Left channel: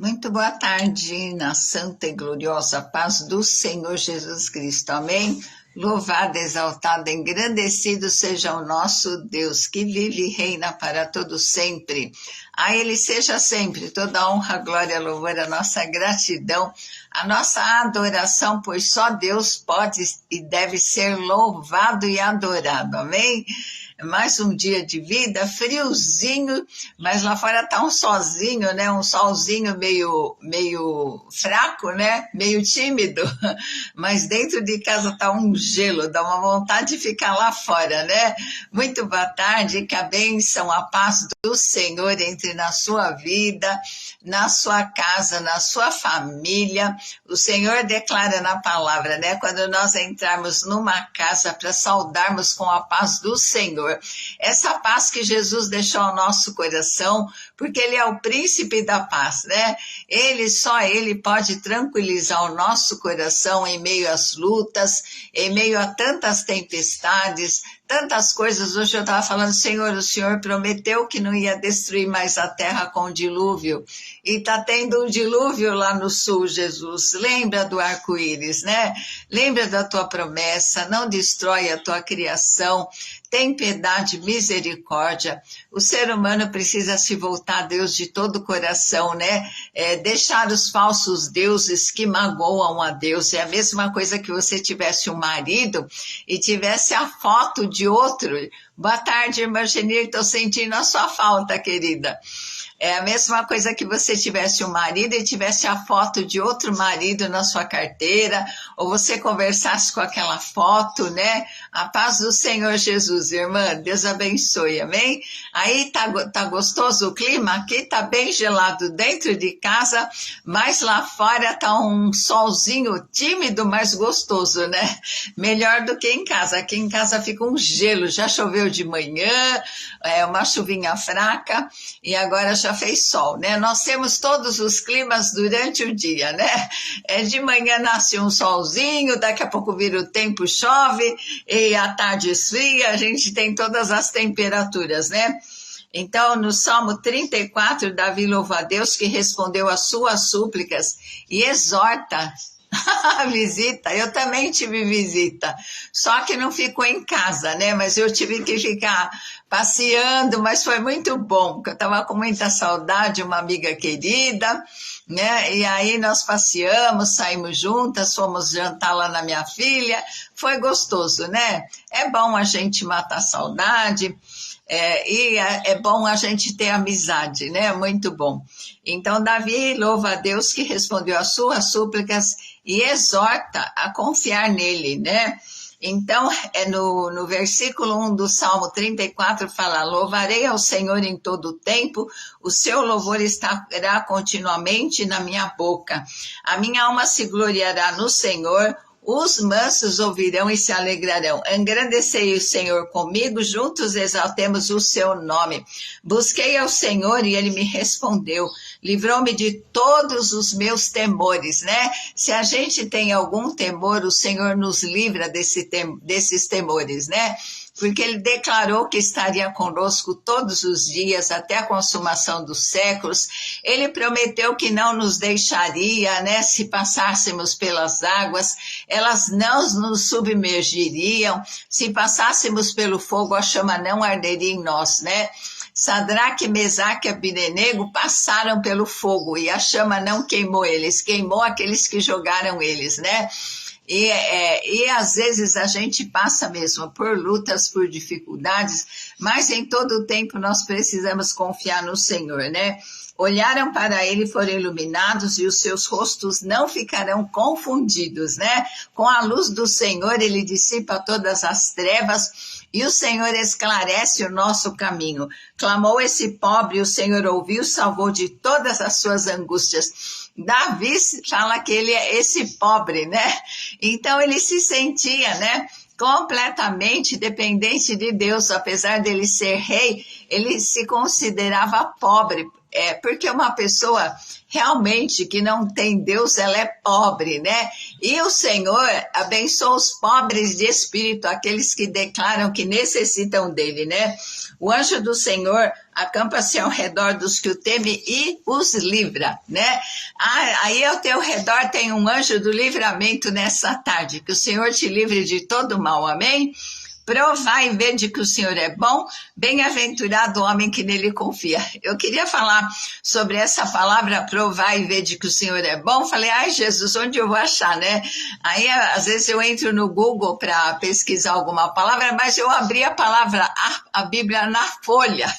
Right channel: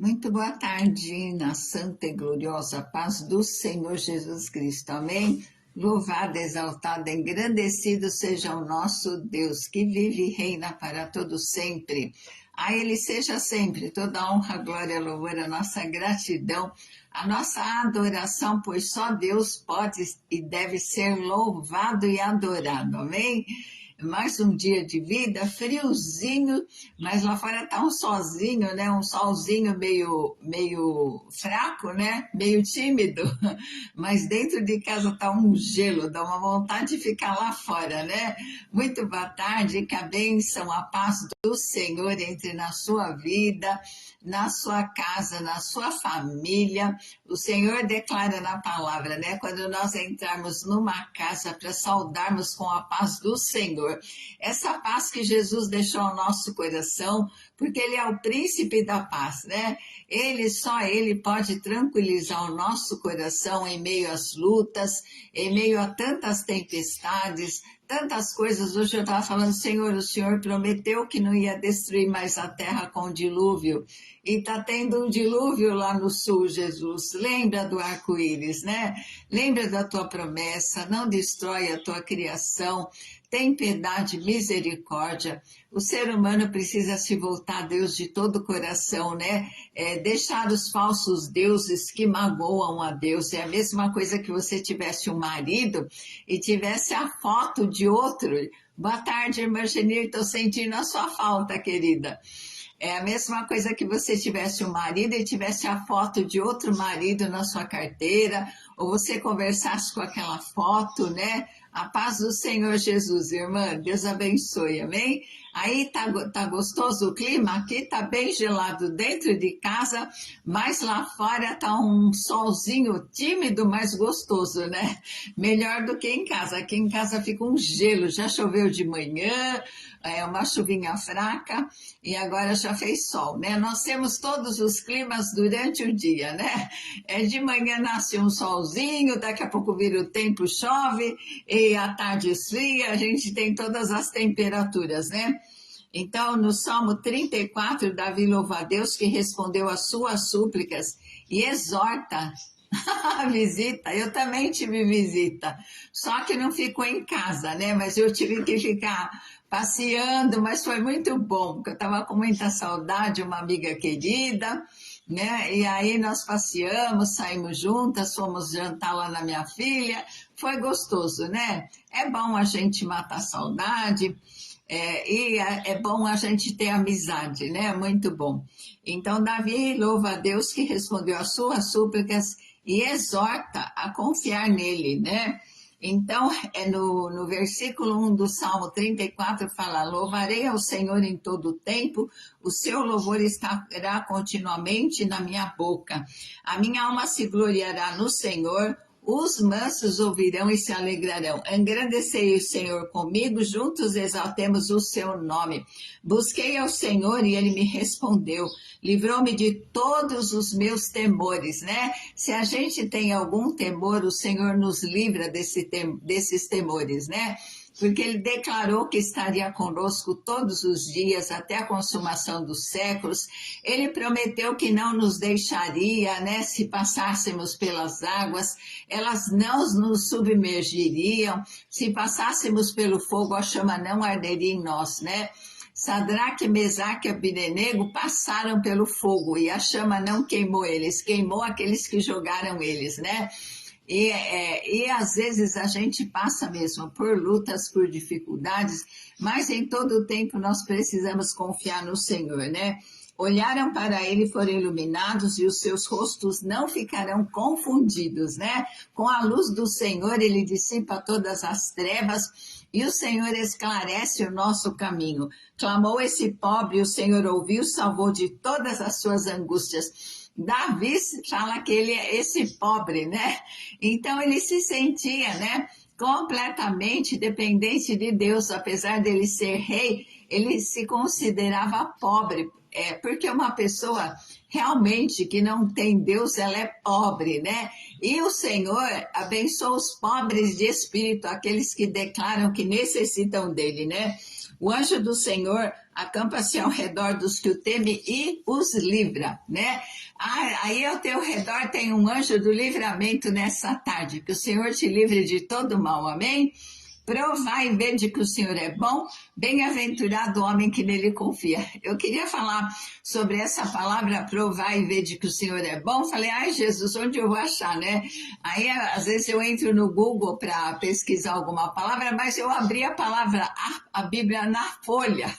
Muito boa tarde, na santa e gloriosa paz do Senhor Jesus Cristo. Amém? Louvado, exaltado, engrandecido seja o nosso Deus, que vive e reina para todo sempre. A Ele seja sempre toda honra, glória, louvor, a nossa gratidão, a nossa adoração, pois só Deus pode e deve ser louvado e adorado. Amém? Mais um dia de vida, friozinho, mas lá fora tá um solzinho, né? Um solzinho meio fraco, né? Meio tímido, mas dentro de casa tá um gelo, dá uma vontade de ficar lá fora, né? Muito boa tarde, que a bênção, a paz do Senhor entre na sua vida, na sua casa, na sua família. O Senhor declara na palavra, né? Quando nós entrarmos numa casa para saudarmos com a paz do Senhor, essa paz que Jesus deixou ao nosso coração, porque Ele é o príncipe da paz, né? Só Ele pode tranquilizar o nosso coração em meio às lutas, em meio a tantas tempestades, tantas coisas. Hoje eu estava falando, Senhor, o Senhor prometeu que não ia destruir mais a terra com dilúvio, e está tendo um dilúvio lá no sul, Jesus. Lembra do arco-íris, né? Lembra da tua promessa, não destrói a tua criação, tem piedade, misericórdia. O ser humano precisa se voltar a Deus de todo o coração, né? Deixar os falsos deuses que magoam a Deus. É a mesma coisa que você tivesse um marido e tivesse a foto de outro. Boa tarde, irmã Genir, estou sentindo a sua falta, querida. É a mesma coisa que você tivesse um marido e tivesse a foto de outro marido na sua carteira, ou você conversasse com aquela foto, né? A paz do Senhor Jesus, irmã, Deus abençoe, amém? Aí tá gostoso o clima? Aqui tá bem gelado dentro de casa, mas lá fora tá um solzinho tímido, mas gostoso, né? Melhor do que em casa. Aqui em casa fica um gelo, já choveu de manhã, uma chuvinha fraca, e agora já fez sol, né? Nós temos todos os climas durante o dia, né? De manhã nasce um solzinho, daqui a pouco vira o tempo, chove, e à tarde esfria, a gente tem todas as temperaturas, né? Então, no Salmo 34, Davi louva a Deus que respondeu às suas súplicas e exorta a visita. Eu também tive visita, só que não ficou em casa, né? Mas eu tive que ficar passeando, mas foi muito bom, porque eu estava com muita saudade, uma amiga querida, né? E aí nós passeamos, saímos juntas, fomos jantar lá na minha filha, foi gostoso, né? É bom a gente matar a saudade, e é bom a gente ter amizade, né? Muito bom. Então, Davi louva a Deus que respondeu às suas súplicas e exorta a confiar nele, né? Então, no versículo 1 do Salmo 34, fala: louvarei ao Senhor em todo o tempo, o seu louvor estará continuamente na minha boca. A minha alma se gloriará no Senhor, os mansos ouvirão e se alegrarão. Engrandecei o Senhor comigo, juntos exaltemos o seu nome. Busquei ao Senhor e ele me respondeu. Livrou-me de todos os meus temores, né? Se a gente tem algum temor, o Senhor nos livra desses temores, né? Porque ele declarou que estaria conosco todos os dias, até a consumação dos séculos. Ele prometeu que não nos deixaria, né? Se passássemos pelas águas, elas não nos submergiriam. Se passássemos pelo fogo, a chama não arderia em nós, né? Sadraque, Mesaque e Abdenego passaram pelo fogo e a chama não queimou eles, queimou aqueles que jogaram eles, né? E às vezes a gente passa mesmo por lutas, por dificuldades, mas em todo o tempo nós precisamos confiar no Senhor, né? Olharam para ele e foram iluminados e os seus rostos não ficarão confundidos, né? Com a luz do Senhor ele dissipa todas as trevas e o Senhor esclarece o nosso caminho. Clamou esse pobre, o Senhor ouviu, salvou de todas as suas angústias. Davi fala que ele é esse pobre, né? Então ele se sentia, né? Completamente dependente de Deus, apesar dele ser rei, ele se considerava pobre, porque uma pessoa realmente que não tem Deus, ela é pobre, né? E o Senhor abençoa os pobres de espírito, aqueles que declaram que necessitam dele, né? O anjo do Senhor acampa-se ao redor dos que o temem e os livra, né? Aí ao teu redor tem um anjo do livramento nessa tarde, que o Senhor te livre de todo mal, amém? Provai e vede que o Senhor é bom, bem-aventurado o homem que nele confia. Eu queria falar sobre essa palavra, provar e vede que o Senhor é bom. Falei, ai Jesus, onde eu vou achar, né? Aí às vezes eu entro no Google para pesquisar alguma palavra, mas eu abri a palavra, a Bíblia na folha,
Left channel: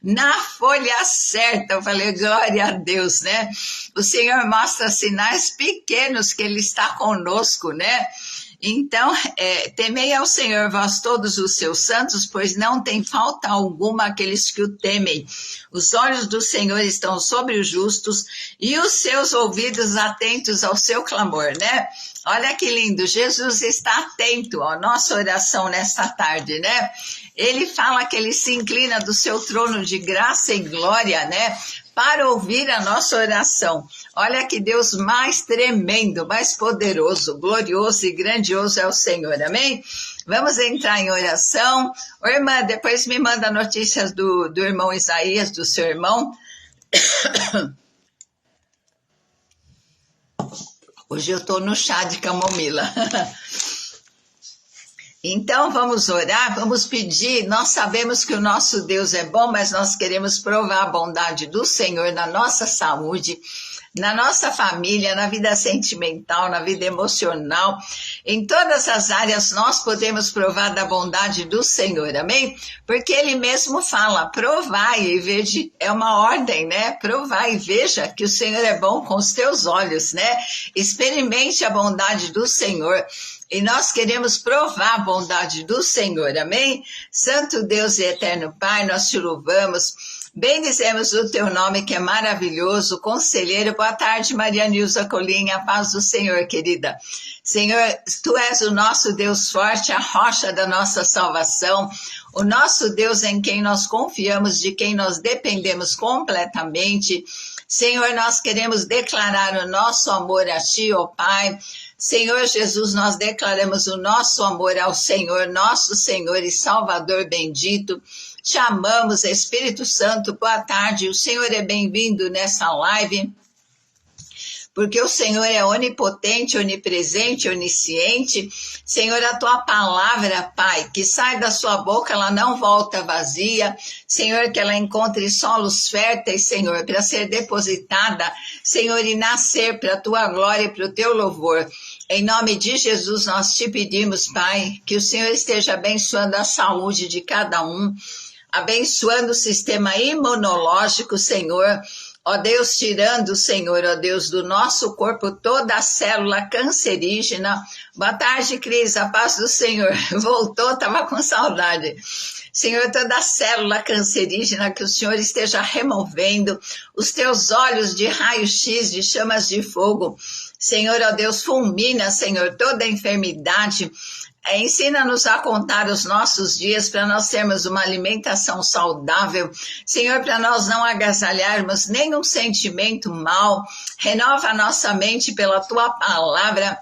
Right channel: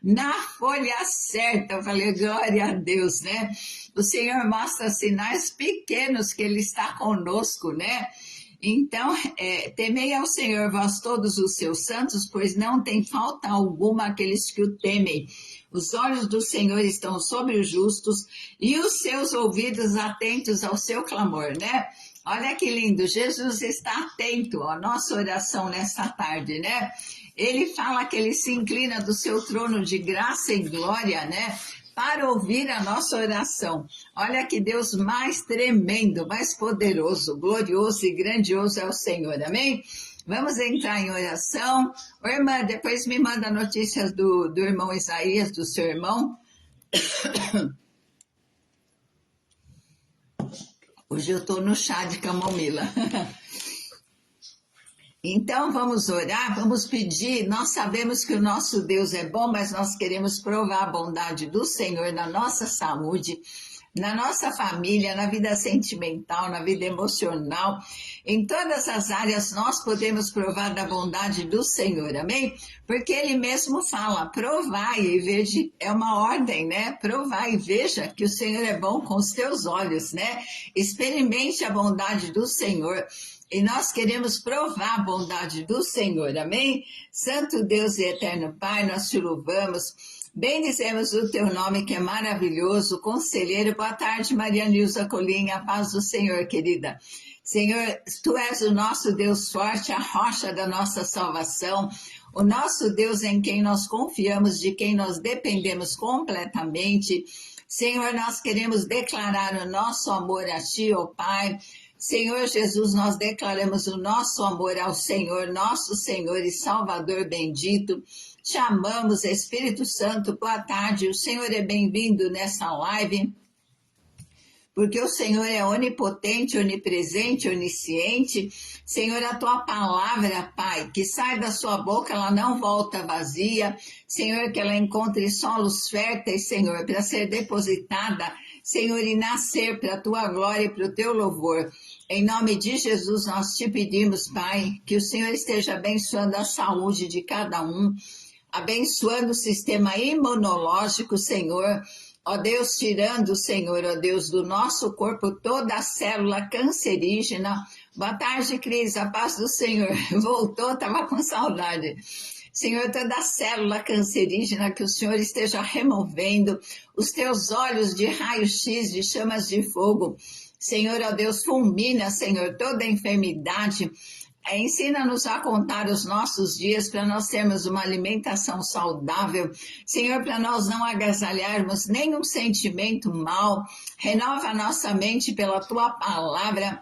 na folha certa. Eu falei, glória a Deus, né? O Senhor mostra sinais pequenos que Ele está conosco, né? Então, temei ao Senhor, vós todos os seus santos, pois não tem falta alguma aqueles que o temem. Os olhos do Senhor estão sobre os justos e os seus ouvidos atentos ao seu clamor, né? Olha que lindo, Jesus está atento à nossa oração nesta tarde, né? Ele fala que ele se inclina do seu trono de graça e glória, né? Para ouvir a nossa oração. Olha que Deus mais tremendo, mais poderoso, glorioso e grandioso é o Senhor, amém? Vamos entrar em oração. Ô, irmã, depois me manda notícias do irmão Isaías, do seu irmão. Hoje eu estou no chá de camomila. Então vamos orar, vamos pedir. Nós sabemos que o nosso Deus é bom, mas nós queremos provar a bondade do Senhor na nossa saúde, na nossa família, na vida sentimental, na vida emocional. Em todas as áreas nós podemos provar da bondade do Senhor, amém? Porque Ele mesmo fala, provai e veja, é uma ordem, né? Provai e veja que o Senhor é bom com os teus olhos, né? Experimente a bondade do Senhor. E nós queremos provar a bondade do Senhor, amém? Santo Deus e eterno Pai, nós te louvamos, bendizemos o teu nome que é maravilhoso, conselheiro. Boa tarde, Maria Nilza Colinha, a paz do Senhor, querida. Senhor, tu és o nosso Deus forte, a rocha da nossa salvação, o nosso Deus em quem nós confiamos, de quem nós dependemos completamente. Senhor, nós queremos declarar o nosso amor a ti, ó Pai. Senhor Jesus, nós declaramos o nosso amor ao Senhor, nosso Senhor e Salvador bendito. Te amamos, Espírito Santo, boa tarde. O Senhor é bem-vindo nessa live, porque o Senhor é onipotente, onipresente, onisciente. Senhor, a tua palavra, Pai, que sai da sua boca, ela não volta vazia. Senhor, que ela encontre solos férteis, Senhor, para ser depositada, Senhor, e nascer para a tua glória e para o teu louvor. Em nome de Jesus, nós te pedimos, Pai, que o Senhor esteja abençoando a saúde de cada um, abençoando o sistema imunológico, Senhor. Ó Deus, tirando, Senhor, ó Deus, do nosso corpo toda a célula cancerígena. Boa tarde, Cris, a paz do Senhor. Voltou, estava com saudade. Senhor, toda a célula cancerígena que o Senhor esteja removendo, os teus olhos de raio-x, de chamas de fogo. Senhor, ó Deus, fulmina, Senhor, toda a enfermidade. Ensina-nos a contar os nossos dias para nós termos uma alimentação saudável. Senhor, para nós não agasalharmos nenhum sentimento mal. Renova a nossa mente pela tua palavra,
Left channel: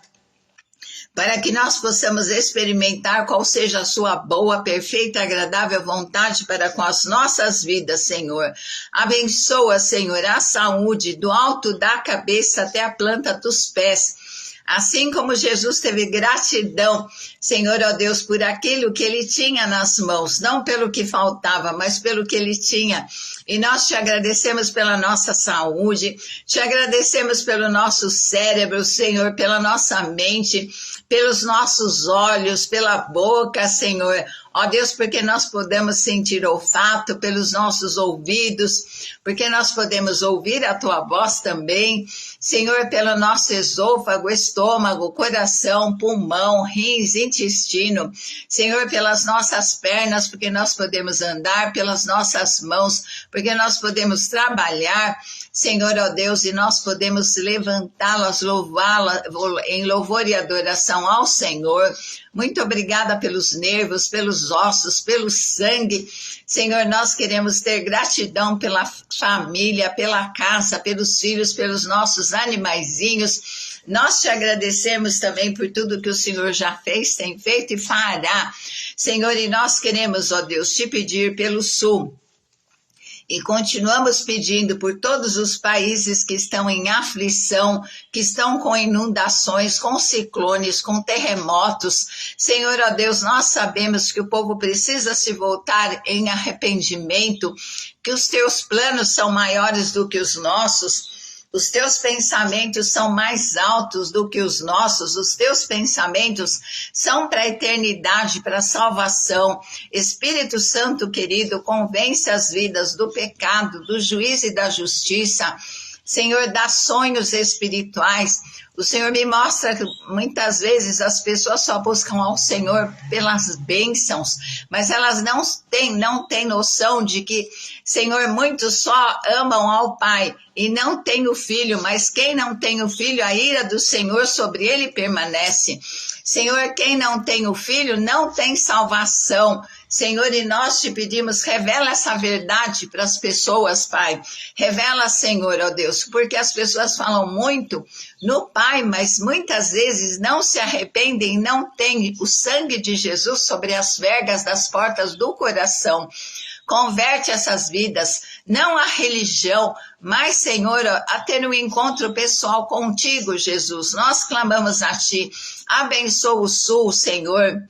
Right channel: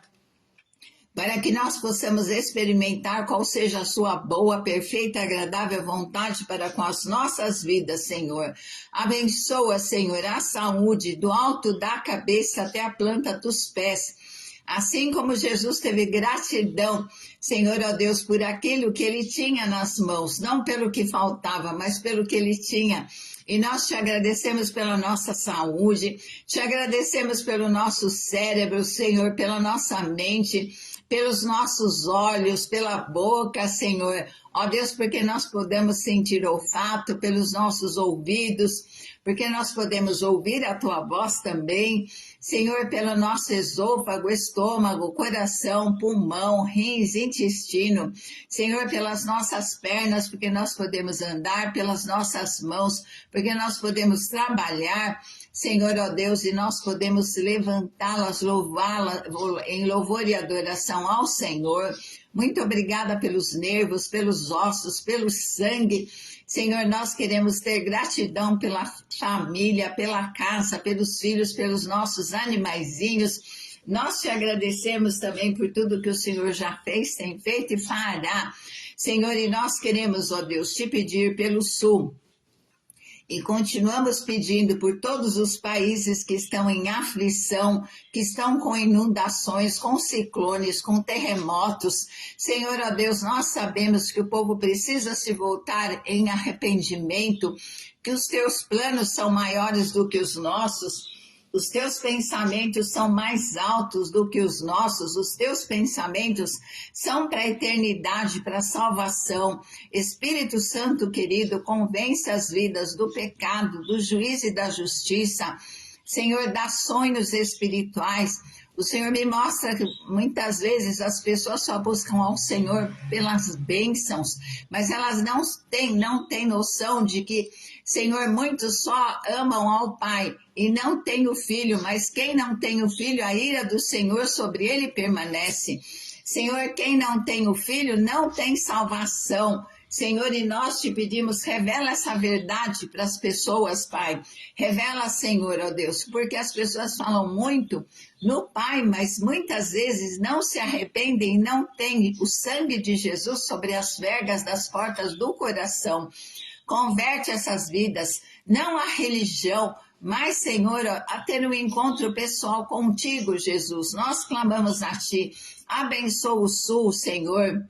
para que nós possamos experimentar qual seja a sua boa, perfeita, agradável vontade para com as nossas vidas, Senhor. Abençoa, Senhor, a saúde do alto da cabeça até a planta dos pés. Assim como Jesus teve gratidão, Senhor, ó Deus, por aquilo que ele tinha nas mãos, não pelo que faltava, mas pelo que ele tinha. E nós te agradecemos pela nossa saúde, te agradecemos pelo nosso cérebro, Senhor, pela nossa mente, pelos nossos olhos, pela boca, Senhor. Ó Deus, porque nós podemos sentir olfato, pelos nossos ouvidos, porque nós podemos ouvir a tua voz também. Senhor, pelo nosso esôfago, estômago, coração, pulmão, rins, intestino. Senhor, pelas nossas pernas, porque nós podemos andar, pelas nossas mãos, porque nós podemos trabalhar. Senhor, ó Deus, e nós podemos levantá-las, louvá-las em louvor e adoração ao Senhor. Muito obrigada pelos nervos, pelos ossos, pelo sangue. Senhor, nós queremos ter gratidão pela família, pela casa, pelos filhos, pelos nossos animaizinhos. Nós te agradecemos também por tudo que o Senhor já fez, tem feito e fará. Senhor, e nós queremos, ó Deus, te pedir pelo sul. E continuamos pedindo por todos os países que estão em aflição, que estão com inundações, com ciclones, com terremotos. Senhor, ó Deus, nós sabemos que o povo precisa se voltar em arrependimento, que os teus planos são maiores do que os nossos. Os teus pensamentos são mais altos do que os nossos, os teus pensamentos são para a eternidade, para a salvação. Espírito Santo querido, convence as vidas do pecado, do juízo e da justiça. Senhor, dá sonhos espirituais. O Senhor me mostra que muitas vezes as pessoas só buscam ao Senhor pelas bênçãos, mas elas não têm noção de que, Senhor, muitos só amam ao Pai e não têm o Filho, mas quem não tem o Filho, a ira do Senhor sobre ele permanece. Senhor, quem não tem o Filho não tem salvação. Senhor, e nós te pedimos, revela essa verdade para as pessoas, Pai. Revela, Senhor, ó Deus, porque as pessoas falam muito no Pai, mas muitas vezes não se arrependem, não têm o sangue de Jesus sobre as vergas das portas do coração. Converte essas vidas, não a religião, mas, Senhor, a ter um encontro pessoal contigo, Jesus. Nós clamamos a Ti. Abençoa o Sul, Senhor.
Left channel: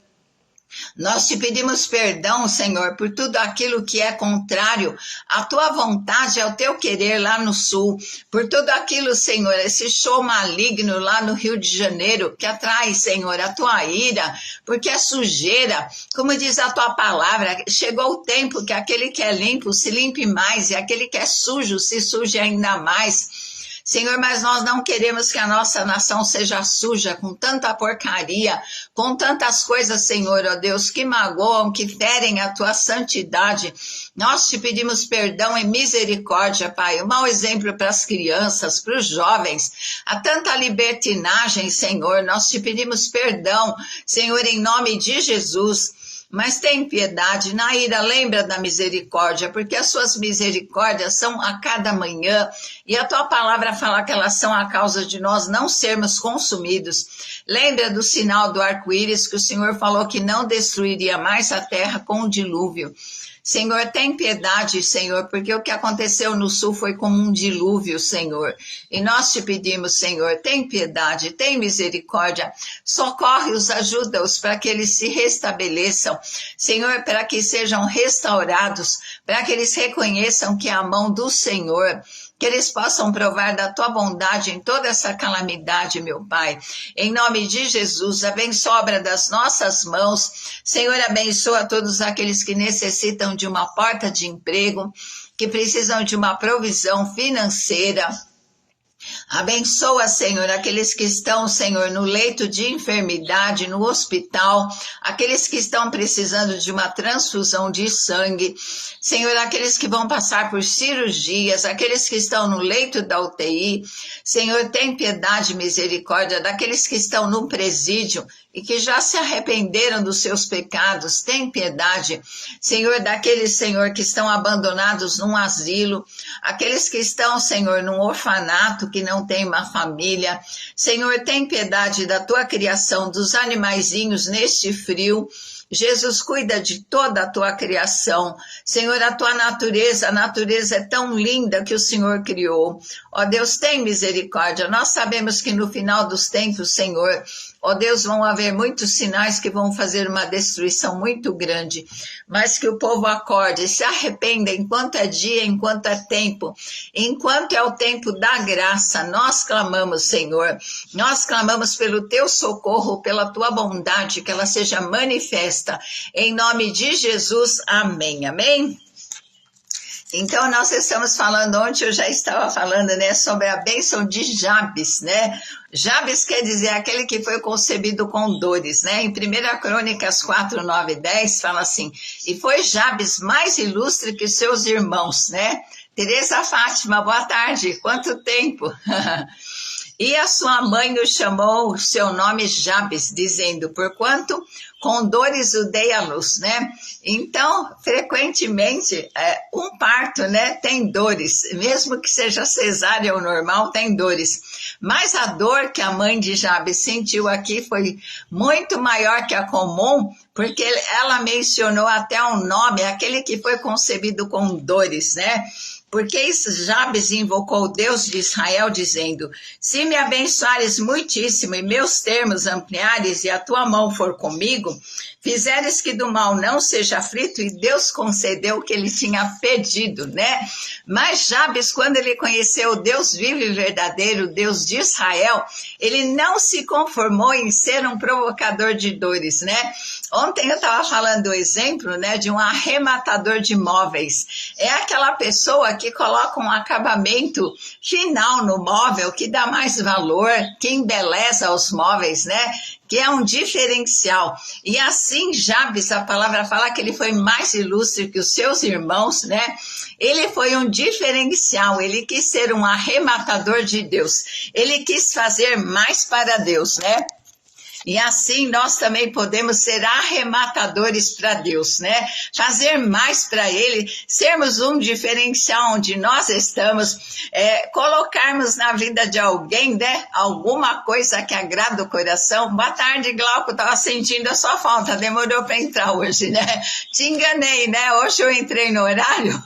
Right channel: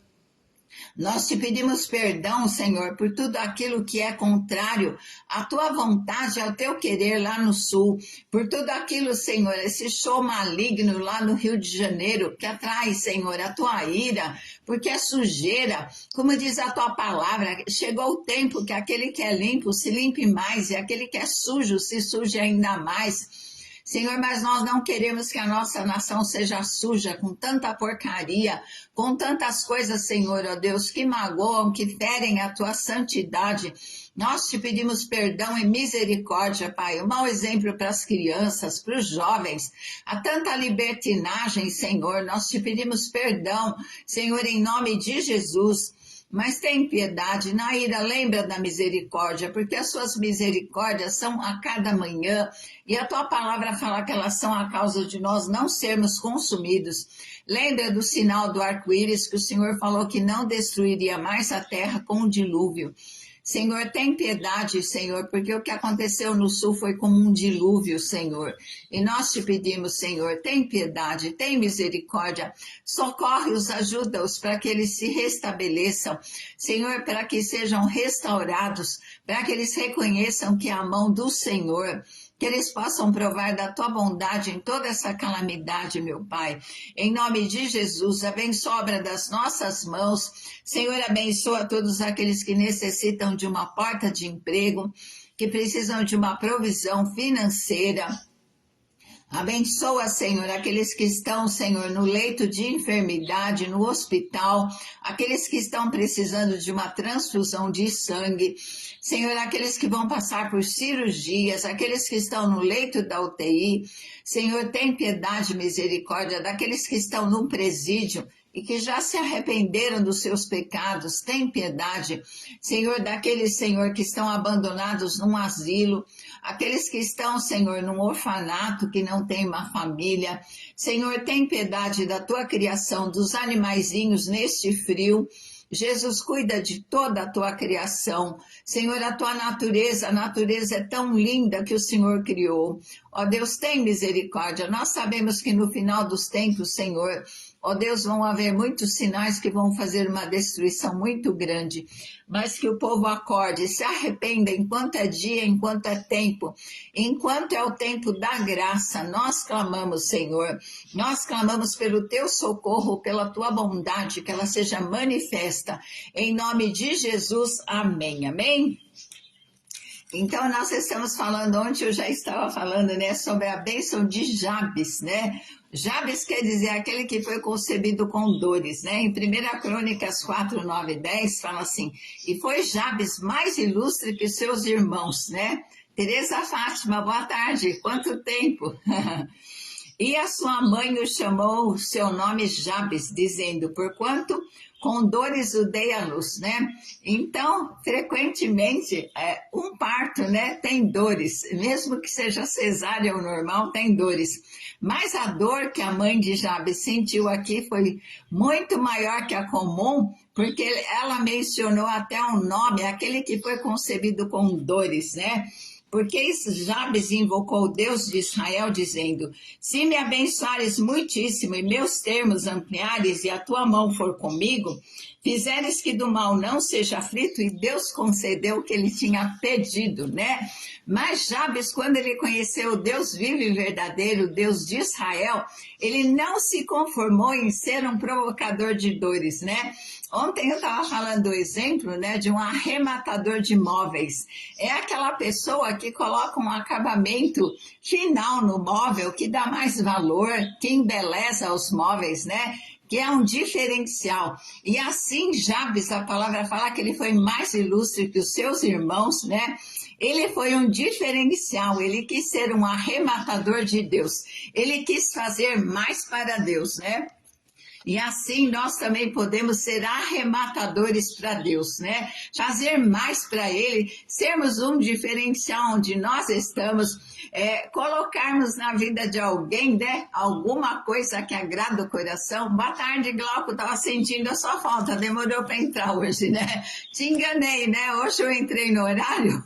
Nós te pedimos perdão, Senhor, por tudo aquilo que é contrário à tua vontade, ao teu querer lá no Sul, por tudo aquilo, Senhor, esse show maligno lá no Rio de Janeiro, que atrai, Senhor, a tua ira, porque é sujeira, como diz a tua palavra, chegou o tempo que aquele que é limpo se limpe mais, e aquele que é sujo se suje ainda mais. Senhor, mas nós não queremos que a nossa nação seja suja com tanta porcaria, com tantas coisas, Senhor, ó Deus, que magoam, que ferem a tua santidade. Nós te pedimos perdão e misericórdia, Pai. Um mau exemplo para as crianças, para os jovens. Há tanta libertinagem, Senhor. Nós te pedimos perdão, Senhor, em nome de Jesus. Mas tem piedade, Naíra, lembra da misericórdia, porque as suas misericórdias são a cada manhã, e a tua palavra fala que elas são a causa de nós não sermos consumidos. Lembra do sinal do arco-íris, que o Senhor falou que não destruiria mais a terra com o dilúvio. Senhor, tem piedade, Senhor, porque o que aconteceu no sul foi como um dilúvio, Senhor. E nós te pedimos, Senhor, tem piedade, tem misericórdia, socorre-os, ajuda-os para que eles se restabeleçam. Senhor, para que sejam restaurados, para que eles reconheçam que é a mão do Senhor, que eles possam provar da tua bondade em toda essa calamidade, meu Pai. Em nome de Jesus, abençoa a obra das nossas mãos. Senhor, abençoa todos aqueles que necessitam de uma porta de emprego, que precisam de uma provisão financeira. Abençoa, Senhor, aqueles que estão, Senhor, no leito de enfermidade, no hospital, aqueles que estão precisando de uma transfusão de sangue. Senhor, aqueles que vão passar por cirurgias, aqueles que estão no leito da UTI. Senhor, tem piedade e misericórdia daqueles que estão no presídio e que já se arrependeram dos seus pecados. Tem piedade, Senhor, daqueles, Senhor, que estão abandonados num asilo, aqueles que estão, Senhor, num orfanato, que não tem uma família. Senhor, tem piedade da tua criação, dos animaizinhos neste frio. Jesus, cuida de toda a tua criação. Senhor, a tua natureza, a natureza é tão linda que o Senhor criou. Ó Deus, tem misericórdia. Nós sabemos que no final dos tempos, Senhor, ó Deus, vão haver muitos sinais que vão fazer uma destruição muito grande, mas que o povo acorde, se arrependa enquanto é dia, enquanto é tempo, enquanto é o tempo da graça. Nós clamamos, Senhor, nós clamamos pelo teu socorro, pela tua bondade, que ela seja manifesta, em nome de Jesus, amém, amém? Então, nós estamos falando, ontem eu já estava falando, né, sobre a bênção de Jabes, né? Jabes quer dizer aquele que foi concebido com dores, né? Em 1 Crônicas 4, 9 e 10, fala assim, e foi Jabes mais ilustre que seus irmãos, né? Teresa Fátima, boa tarde, quanto tempo? E a sua mãe o chamou o seu nome Jabes, dizendo, porquanto com dores o dei à luz, né? Então, frequentemente, um parto, né, tem dores, mesmo que seja cesárea ou normal, tem dores. Mas a dor que a mãe de Jabes sentiu aqui foi muito maior que a comum, porque ela mencionou até um nome, aquele que foi concebido com dores, né? Porque Jabes invocou o Deus de Israel, dizendo, se me abençoares muitíssimo e meus termos ampliares e a tua mão for comigo, fizeres que do mal não seja aflito, e Deus concedeu o que ele tinha pedido, né? Mas Jabes, quando ele conheceu o Deus vivo e verdadeiro, o Deus de Israel, ele não se conformou em ser um provocador de dores, né? Ontem eu estava falando do exemplo, né, de um arrematador de móveis. É aquela pessoa que coloca um acabamento final no móvel, que dá mais valor, que embeleza os móveis, né? Que é um diferencial. E assim, Jabes, a palavra fala que ele foi mais ilustre que os seus irmãos, né? Ele foi um diferencial, ele quis ser um arrematador de Deus. Ele quis fazer mais para Deus, né? E assim nós também podemos ser arrematadores para Deus, né? Fazer mais para Ele, sermos um diferencial onde nós estamos, colocarmos na vida de alguém, né? Alguma coisa que agrada o coração. Boa tarde, Glauco, estava sentindo a sua falta, demorou para entrar hoje, né? Te enganei, né? Hoje eu entrei no horário,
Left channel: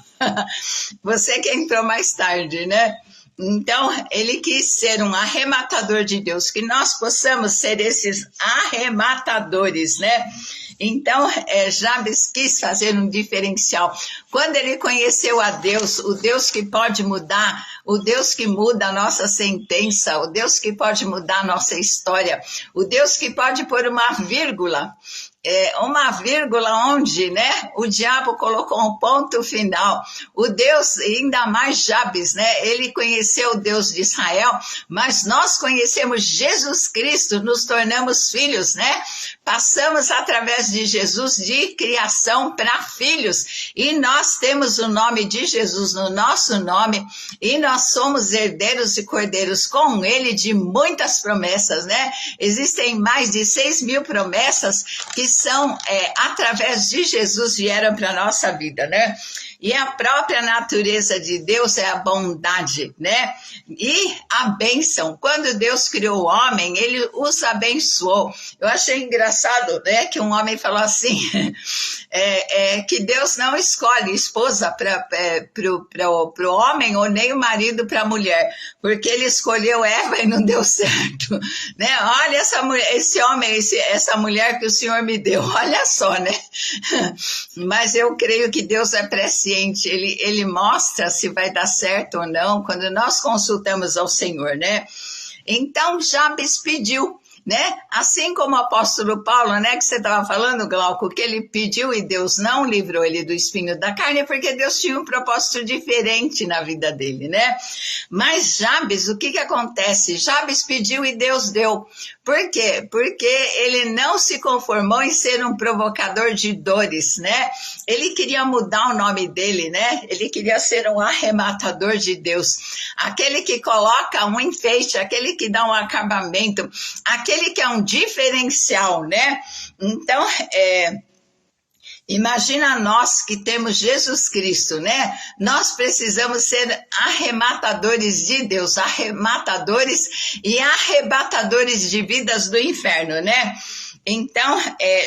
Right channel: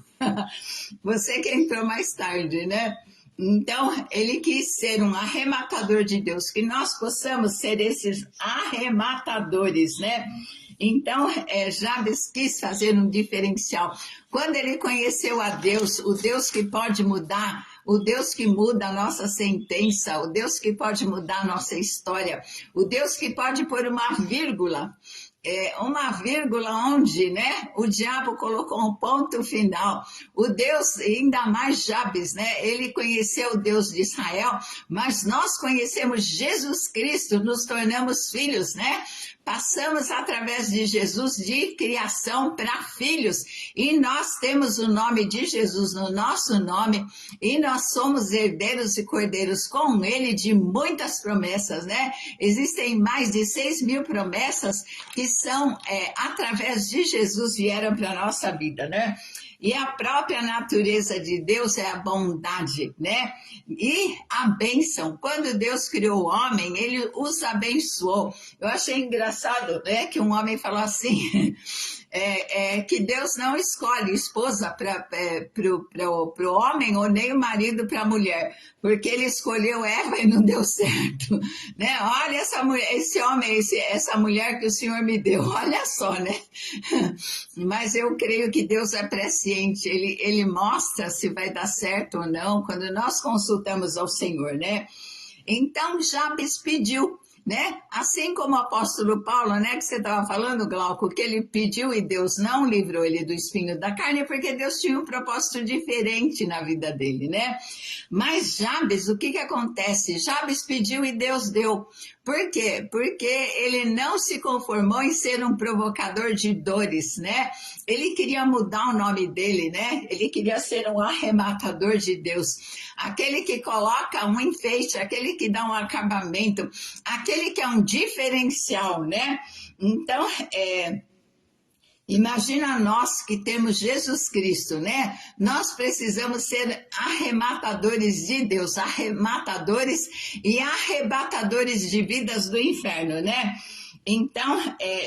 você que entrou mais tarde, né? Então, ele quis ser um arrematador de Deus, que nós possamos ser esses arrematadores, né? Então, Jabes quis fazer um diferencial. Quando ele conheceu a Deus, o Deus que pode mudar, o Deus que muda a nossa sentença, o Deus que pode mudar a nossa história, o Deus que pode pôr uma vírgula onde, né, o diabo colocou um ponto final. O Deus, ainda mais Jabes, né, ele conheceu o Deus de Israel, mas nós conhecemos Jesus Cristo, nos tornamos filhos, né? Passamos através de Jesus de criação para filhos, e nós temos o nome de Jesus no nosso nome, e nós somos herdeiros e cordeiros com ele de muitas promessas, né? Existem mais de 6.000 promessas que são, através de Jesus, vieram para a nossa vida, né? E a própria natureza de Deus é a bondade, né? E a bênção. Quando Deus criou o homem, ele os abençoou. Eu achei engraçado, né, que um homem falou assim, que Deus não escolhe esposa para o homem ou nem o marido para a mulher, porque ele escolheu Eva e não deu certo, né? Olha esse homem, essa mulher que o Senhor me deu, olha só, né? Mas eu creio que Deus é presciente, ele mostra se vai dar certo ou não quando nós consultamos ao Senhor, né? Então Jabes pediu, né? Assim como o apóstolo Paulo, né, que você estava falando, Glauco, que ele pediu e Deus não livrou ele do espinho da carne, porque Deus tinha um propósito diferente na vida dele, né? Mas Jabes, o que acontece? Jabes pediu e Deus deu. Por quê? Porque ele não se conformou em ser um provocador de dores, né? Ele queria mudar o nome dele, né? Ele queria ser um arrematador de Deus. Aquele que coloca um enfeite, aquele que dá um acabamento, aquele que é um diferencial, né? Então, imagina nós que temos Jesus Cristo, né? Nós precisamos ser arrematadores de Deus, arrematadores e arrebatadores de vidas do inferno, né? Então,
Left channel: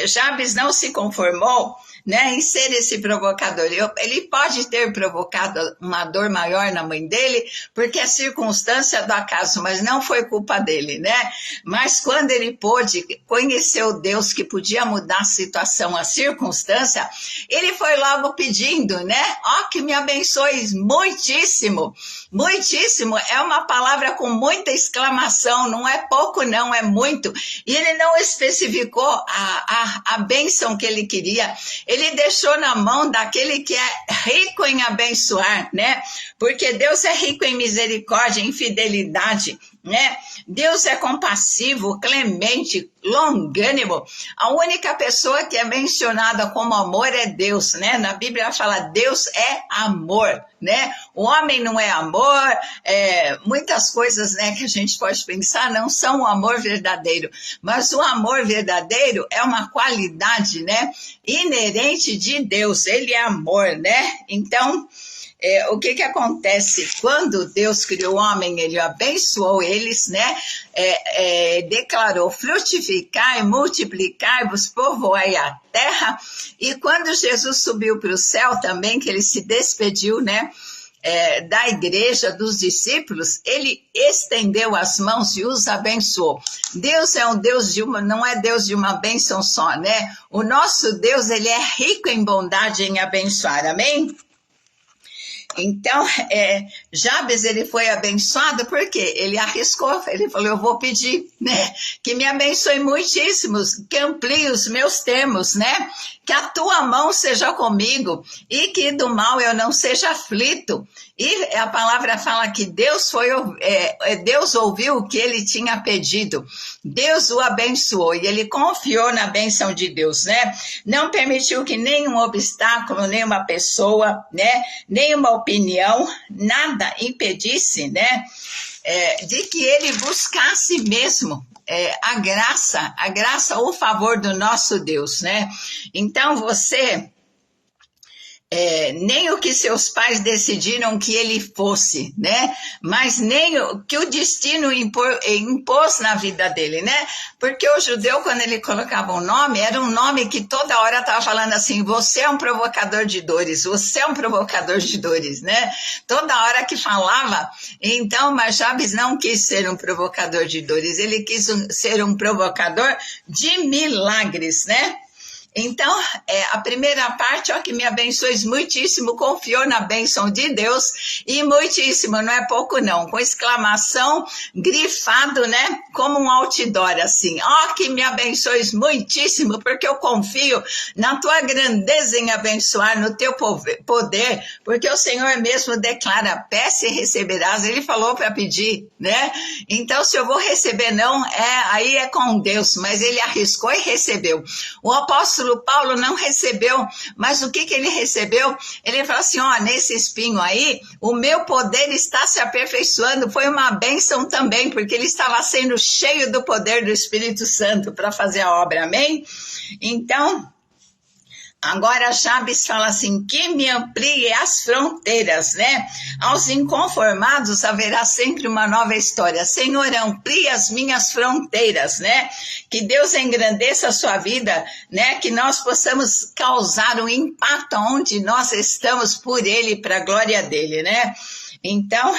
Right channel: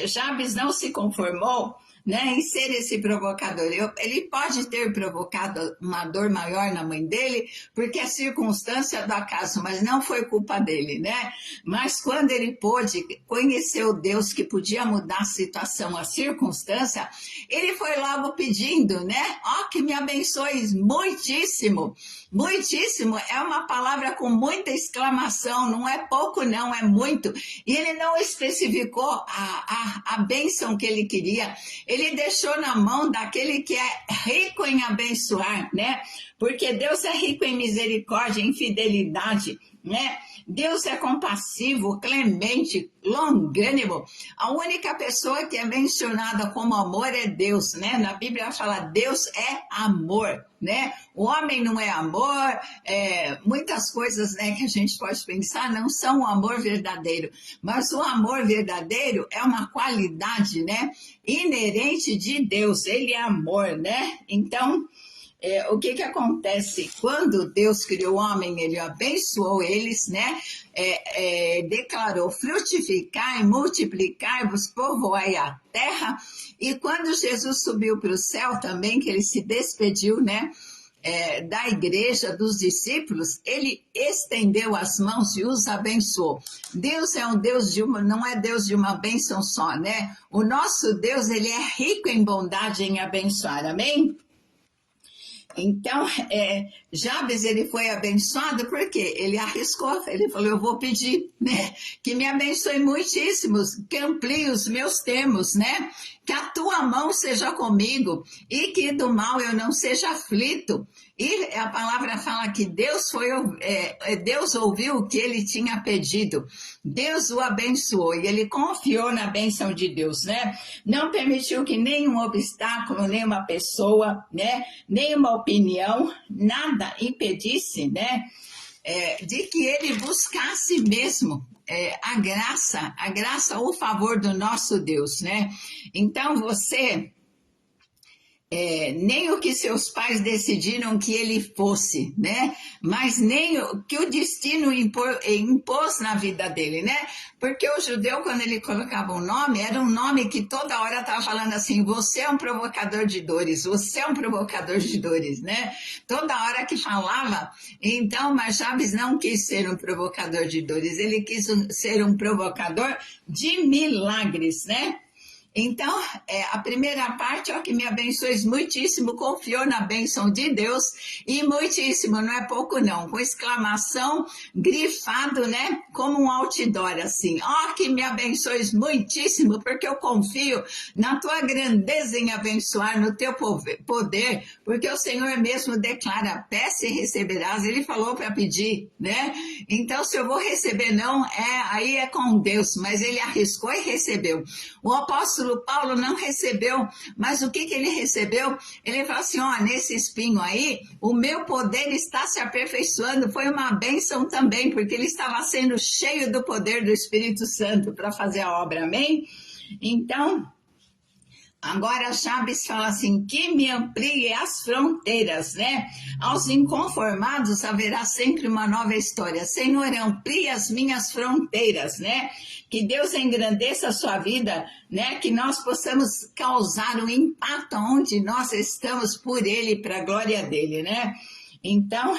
Jabes não se conformou, né, em ser esse provocador. Ele pode ter provocado uma dor maior na mãe dele, porque é circunstância do acaso, mas não foi culpa dele, né? Mas quando ele pôde conhecer o Deus que podia mudar a situação, a circunstância, ele foi logo pedindo, né? Que me abençoe muitíssimo. Muitíssimo é uma palavra com muita exclamação, não é pouco não, é muito. E ele não especificou a bênção que ele queria. Ele deixou na mão daquele que é rico em abençoar, né? Porque Deus é rico em misericórdia, em fidelidade. né? Deus é compassivo, clemente, longânimo. A única pessoa que é mencionada como amor é Deus, né? Na Bíblia fala Deus é amor, né? O homem não é amor, muitas coisas, né, que a gente pode pensar não são o amor verdadeiro, mas o amor verdadeiro é uma qualidade, né, inerente de Deus. Ele é amor, né? Então, o que acontece? Quando Deus criou o homem, ele abençoou eles, né? Declarou: frutificai, multiplicai-vos, povoai a terra. E quando Jesus subiu para o céu também, que ele se despediu, né? Da igreja, dos discípulos, ele estendeu as mãos e os abençoou. Deus é um Deus não é Deus de uma bênção só, né? O nosso Deus, ele é rico em bondade, em abençoar, amém? Então, Jabes, ele foi abençoado porque ele arriscou, ele falou: eu vou pedir, né, que me abençoe muitíssimos, que amplie os meus termos, né, que a tua mão seja comigo e que do mal eu não seja aflito. E a palavra fala que Deus ouviu o que ele tinha pedido. Deus o abençoou e ele confiou na bênção de Deus, né? Não permitiu que nenhum obstáculo, nenhuma pessoa, né, nenhuma opinião, nada impedisse, né, de que ele buscasse mesmo a graça, o favor do nosso Deus, né? Então você... nem o que seus pais decidiram que ele fosse, né? Mas nem o que o destino impôs na vida dele, né? Porque o judeu, quando ele colocava um nome, era um nome que toda hora estava falando assim: você é um provocador de dores, você é um provocador de dores, né? Toda hora que falava. Então, mas Jabes não quis ser um provocador de dores, ele quis ser um provocador de milagres, né? Então, a primeira parte, que me abençoes muitíssimo, confiou na bênção de Deus, e muitíssimo, não é pouco não, com exclamação, grifado, né, como um outdoor, assim: que me abençoes muitíssimo, porque eu confio na tua grandeza em abençoar, no teu poder, porque o Senhor mesmo declara: peça e receberás. Ele falou para pedir, né? Então, se eu vou receber não, aí é com Deus, mas ele arriscou e recebeu. O apóstolo Paulo não recebeu, mas o que ele recebeu? Ele falou assim: nesse espinho aí, o meu poder está se aperfeiçoando. Foi uma bênção também, porque ele estava sendo cheio do poder do Espírito Santo para fazer a obra, amém? Então, agora Jabes fala assim: que me amplie as fronteiras, né? Aos inconformados haverá sempre uma nova história. Senhor, amplie as minhas fronteiras, né? Que Deus engrandeça a sua vida, né? Que nós possamos causar um impacto onde nós estamos por Ele, para a glória dEle, né? Então,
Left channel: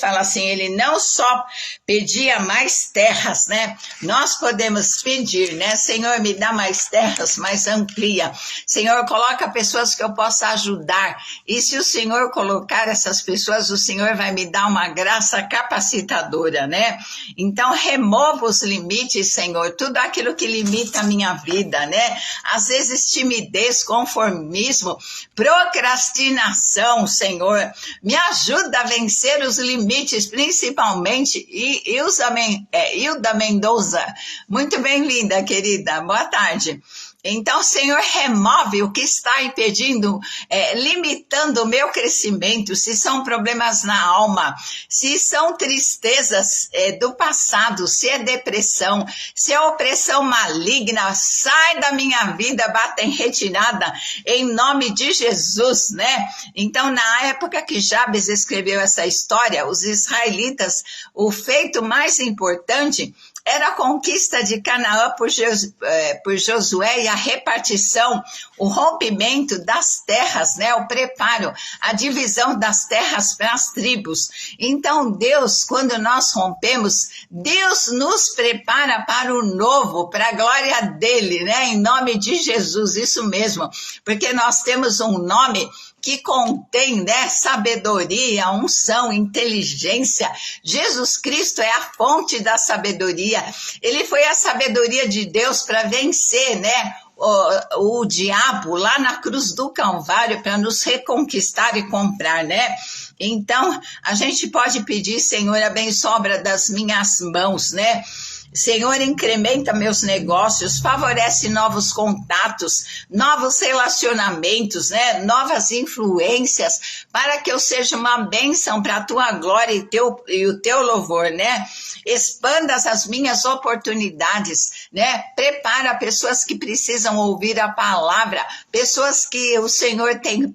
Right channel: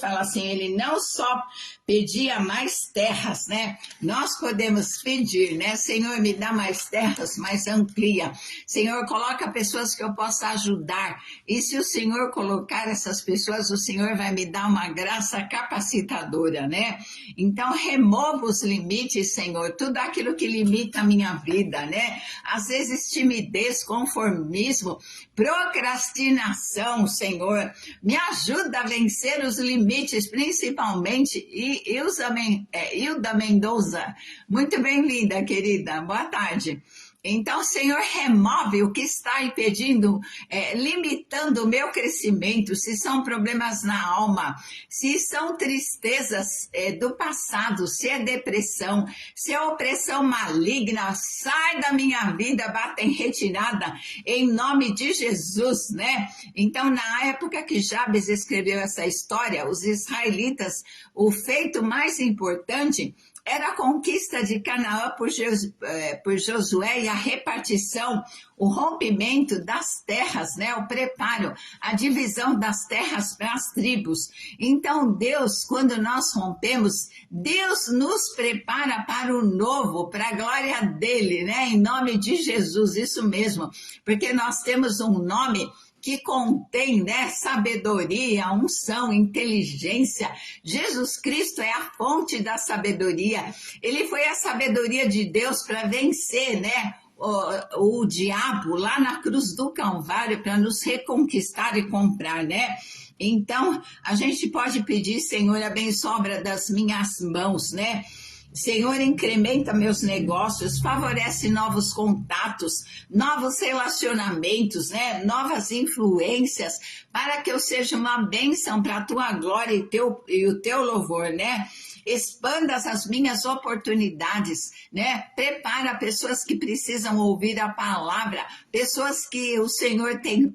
fala assim: ele não só pedia mais terras, né? Nós podemos pedir, né? Senhor, me dá mais terras, mas amplia. Senhor, coloca pessoas que eu possa ajudar. E se o Senhor colocar essas pessoas, o Senhor vai me dar uma graça capacitadora, né? Então, remova os limites, Senhor, tudo aquilo que limita a minha vida, né? Às vezes, timidez, conformismo, procrastinação, Senhor. Me ajuda a vencer os limites, principalmente. Hilda Mendonça, muito bem, linda, querida, boa tarde. Então, Senhor, remove o que está impedindo, limitando o meu crescimento, se são problemas na alma, se são tristezas do passado, se é depressão, se é opressão maligna, sai da minha vida, bata em retirada, em nome de Jesus, né? Então, na época que Jabes escreveu essa história, os israelitas, o feito mais importante era a conquista de Canaã por Josué e a repartição, o rompimento das terras, né? O preparo, a divisão das terras para as tribos. Então, Deus, quando nós rompemos, Deus nos prepara para o novo, para a glória dele, né? Em nome de Jesus, isso mesmo, porque nós temos um nome que contém, né, sabedoria, unção, inteligência. Jesus Cristo é a fonte da sabedoria. Ele foi a sabedoria de Deus para vencer, né, o diabo lá na cruz do Calvário para nos reconquistar e comprar, né? Então, a gente pode pedir, Senhor, abençoa a obra das minhas mãos, né? Senhor, incrementa meus negócios, favorece novos contatos, novos relacionamentos, né? Novas influências, para que eu seja uma bênção para a tua glória e o teu louvor, né? Expanda as minhas oportunidades, né? Prepara pessoas que precisam ouvir a palavra, pessoas que o Senhor tem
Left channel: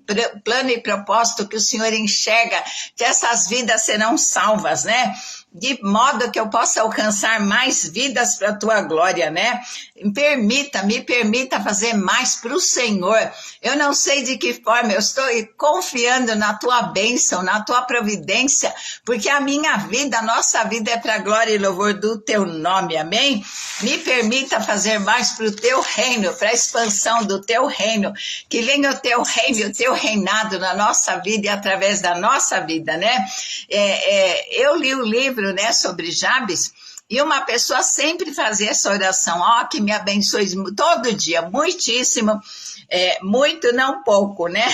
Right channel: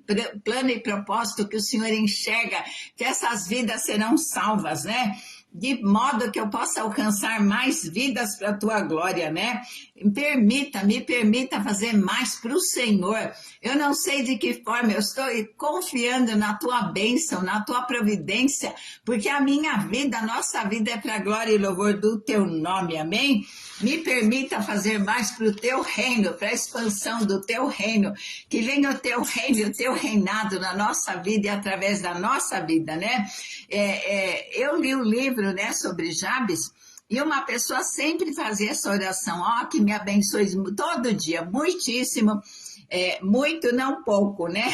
plano e propósito, que o Senhor enxerga, que essas vidas serão salvas, né? De modo que eu possa alcançar mais vidas para a tua glória, né? Me permita fazer mais para o Senhor. Eu não sei de que forma, eu estou confiando na tua bênção, na tua providência, porque a minha vida, a nossa vida é para a glória e louvor do teu nome, amém? Me permita fazer mais para o teu reino, para a expansão do teu reino, que venha o teu reino e o teu reinado na nossa vida e através da nossa vida, né? Eu li o livro, né, sobre Jabes, e uma pessoa sempre fazia essa oração, que me abençoe todo dia, muitíssimo, muito não pouco, né?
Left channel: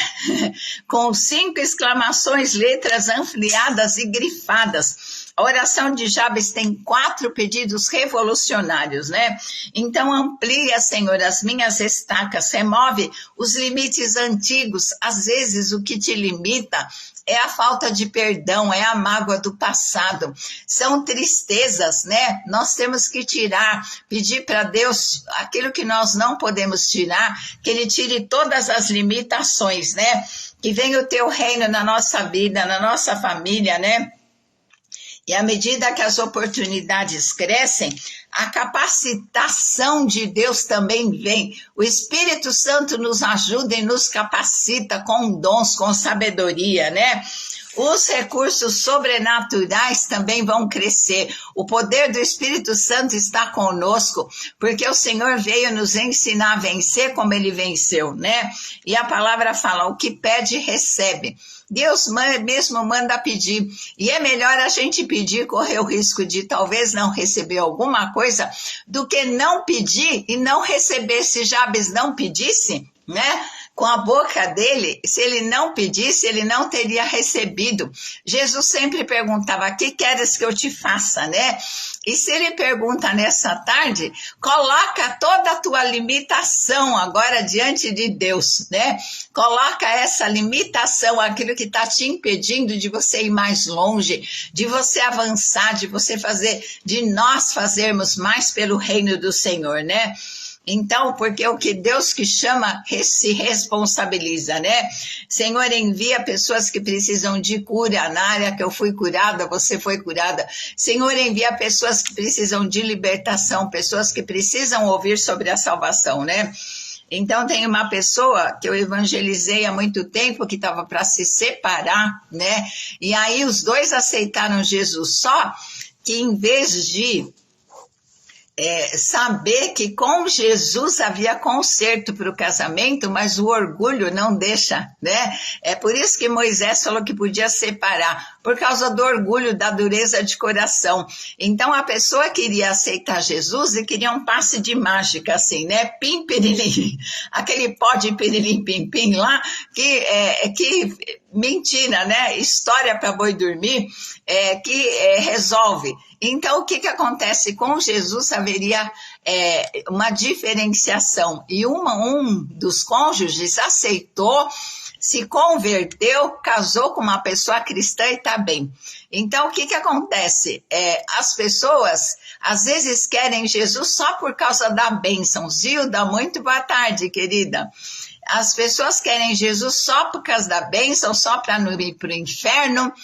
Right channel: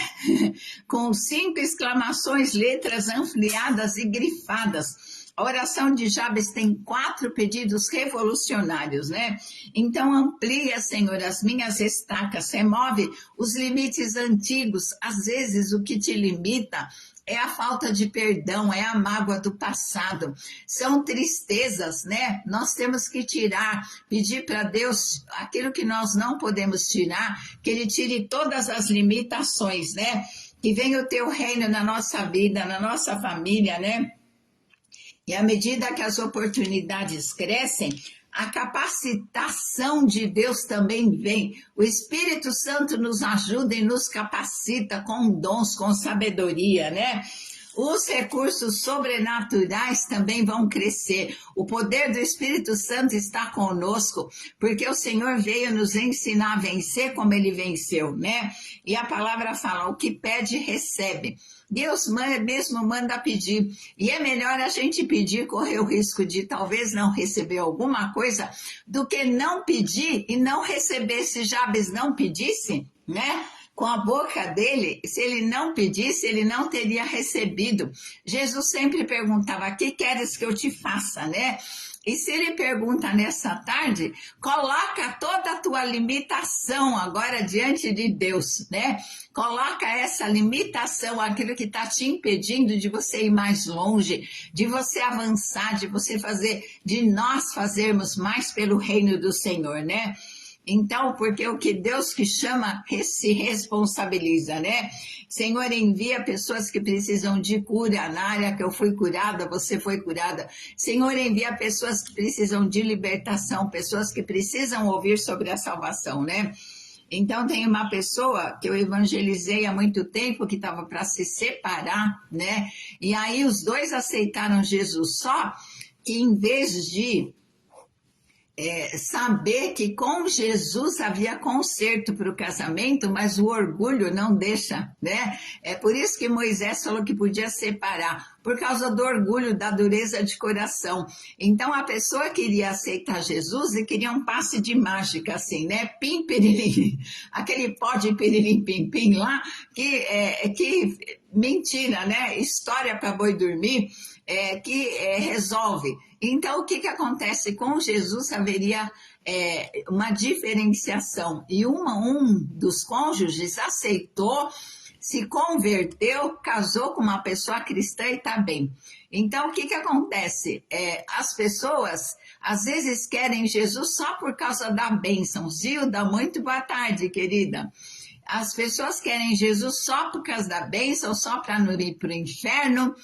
Com 5 exclamações, letras ampliadas e grifadas. A oração de Jabes tem 4 pedidos revolucionários, né? Então amplia, Senhor, as minhas estacas, remove os limites antigos, às vezes o que te limita é a falta de perdão, é a mágoa do passado, são tristezas, né? Nós temos que tirar, pedir para Deus aquilo que nós não podemos tirar, que Ele tire todas as limitações, né? Que venha o teu reino na nossa vida, na nossa família, né? E à medida que as oportunidades crescem, a capacitação de Deus também vem. O Espírito Santo nos ajuda e nos capacita com dons, com sabedoria, né? Os recursos sobrenaturais também vão crescer. O poder do Espírito Santo está conosco, porque o Senhor veio nos ensinar a vencer como Ele venceu, né? E a palavra fala, o que pede, recebe. Deus mesmo manda pedir, e é melhor a gente pedir, correr o risco de talvez não receber alguma coisa, do que não pedir e não receber. Se Jabes não pedisse, né? Com a boca dele, se ele não pedisse, ele não teria recebido. Jesus sempre perguntava, o que queres que eu te faça, né? E se ele pergunta nessa tarde, coloca toda a tua limitação agora diante de Deus, né? Coloca essa limitação, aquilo que está te impedindo de você ir mais longe, de você avançar, de você fazer, de nós fazermos mais pelo reino do Senhor, né? Então, porque o que Deus que chama se responsabiliza, né? Senhor, envia pessoas que precisam de cura. Na área que eu fui curada, você foi curada. Senhor, envia pessoas que precisam de libertação, pessoas que precisam ouvir sobre a salvação, né? Então, tem uma pessoa que eu evangelizei há muito tempo, que estava para se separar, né? E aí os dois aceitaram Jesus, só que em vez de saber que com Jesus havia conserto para o casamento, mas o orgulho não deixa, né? É por isso que Moisés falou que podia separar, por causa do orgulho, da dureza de coração. Então a pessoa queria aceitar Jesus e queria um passe de mágica, assim, né? Pim, pirilim, aquele pó de pirilim, pim, pim lá, que mentira, né? História para boi dormir, que resolve. Então, o que acontece? Com Jesus haveria uma diferenciação, e um dos cônjuges aceitou, se converteu, casou com uma pessoa cristã e está bem. Então, o que acontece? As pessoas, às vezes, querem Jesus só por causa da bênção. Zilda, muito boa tarde, querida. As pessoas querem Jesus só por causa da bênção, só para não ir para o inferno,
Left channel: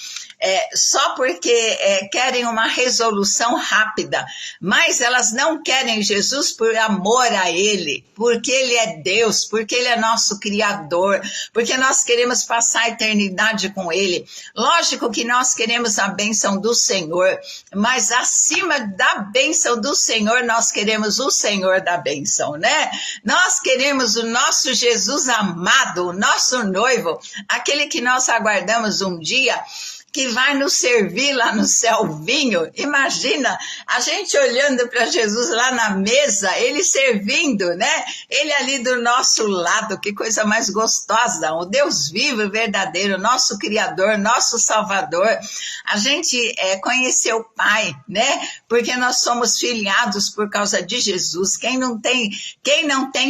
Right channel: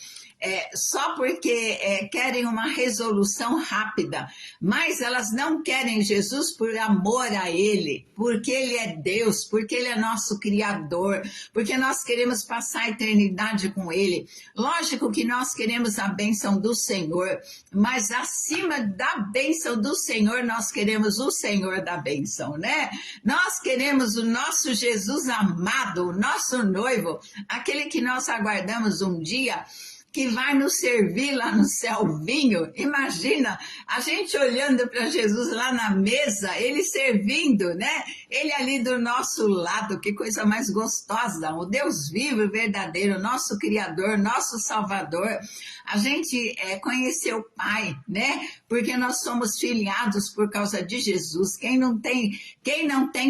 só porque querem uma resolução rápida, mas elas não querem Jesus por amor a Ele, porque Ele é Deus, porque Ele é nosso Criador, porque nós queremos passar a eternidade com Ele. Lógico que nós queremos a bênção do Senhor, mas acima da bênção do Senhor, nós queremos o Senhor da bênção, né? Nós queremos o nosso Jesus amado, o nosso noivo, aquele que nós aguardamos um dia. que vai nos servir lá no céu vinho. Imagina a gente olhando para Jesus lá na mesa, ele servindo, né? Ele ali do nosso lado, que coisa mais gostosa. O Deus vivo e verdadeiro, nosso Criador, nosso Salvador. A gente conheceu o Pai, né? Porque nós somos filiados por causa de Jesus. Quem não tem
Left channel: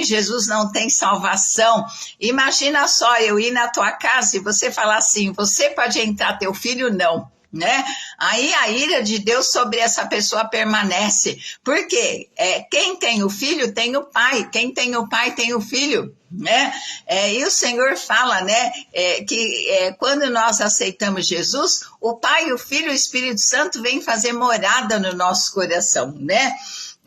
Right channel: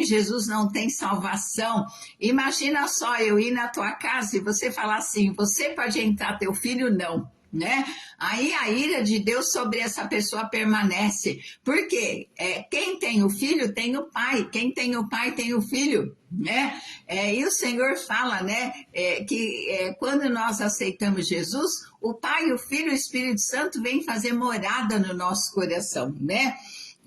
Jesus não tem salvação. Imagina só eu ir na tua casa e você falar assim, você pode entrar, teu filho não. Né? Aí a ira de Deus sobre essa pessoa permanece, porque quem tem o filho tem o pai, quem tem o pai tem o filho, né? E o Senhor fala, né, que quando nós aceitamos Jesus, o Pai, o Filho e o Espírito Santo vêm fazer morada no nosso coração, né?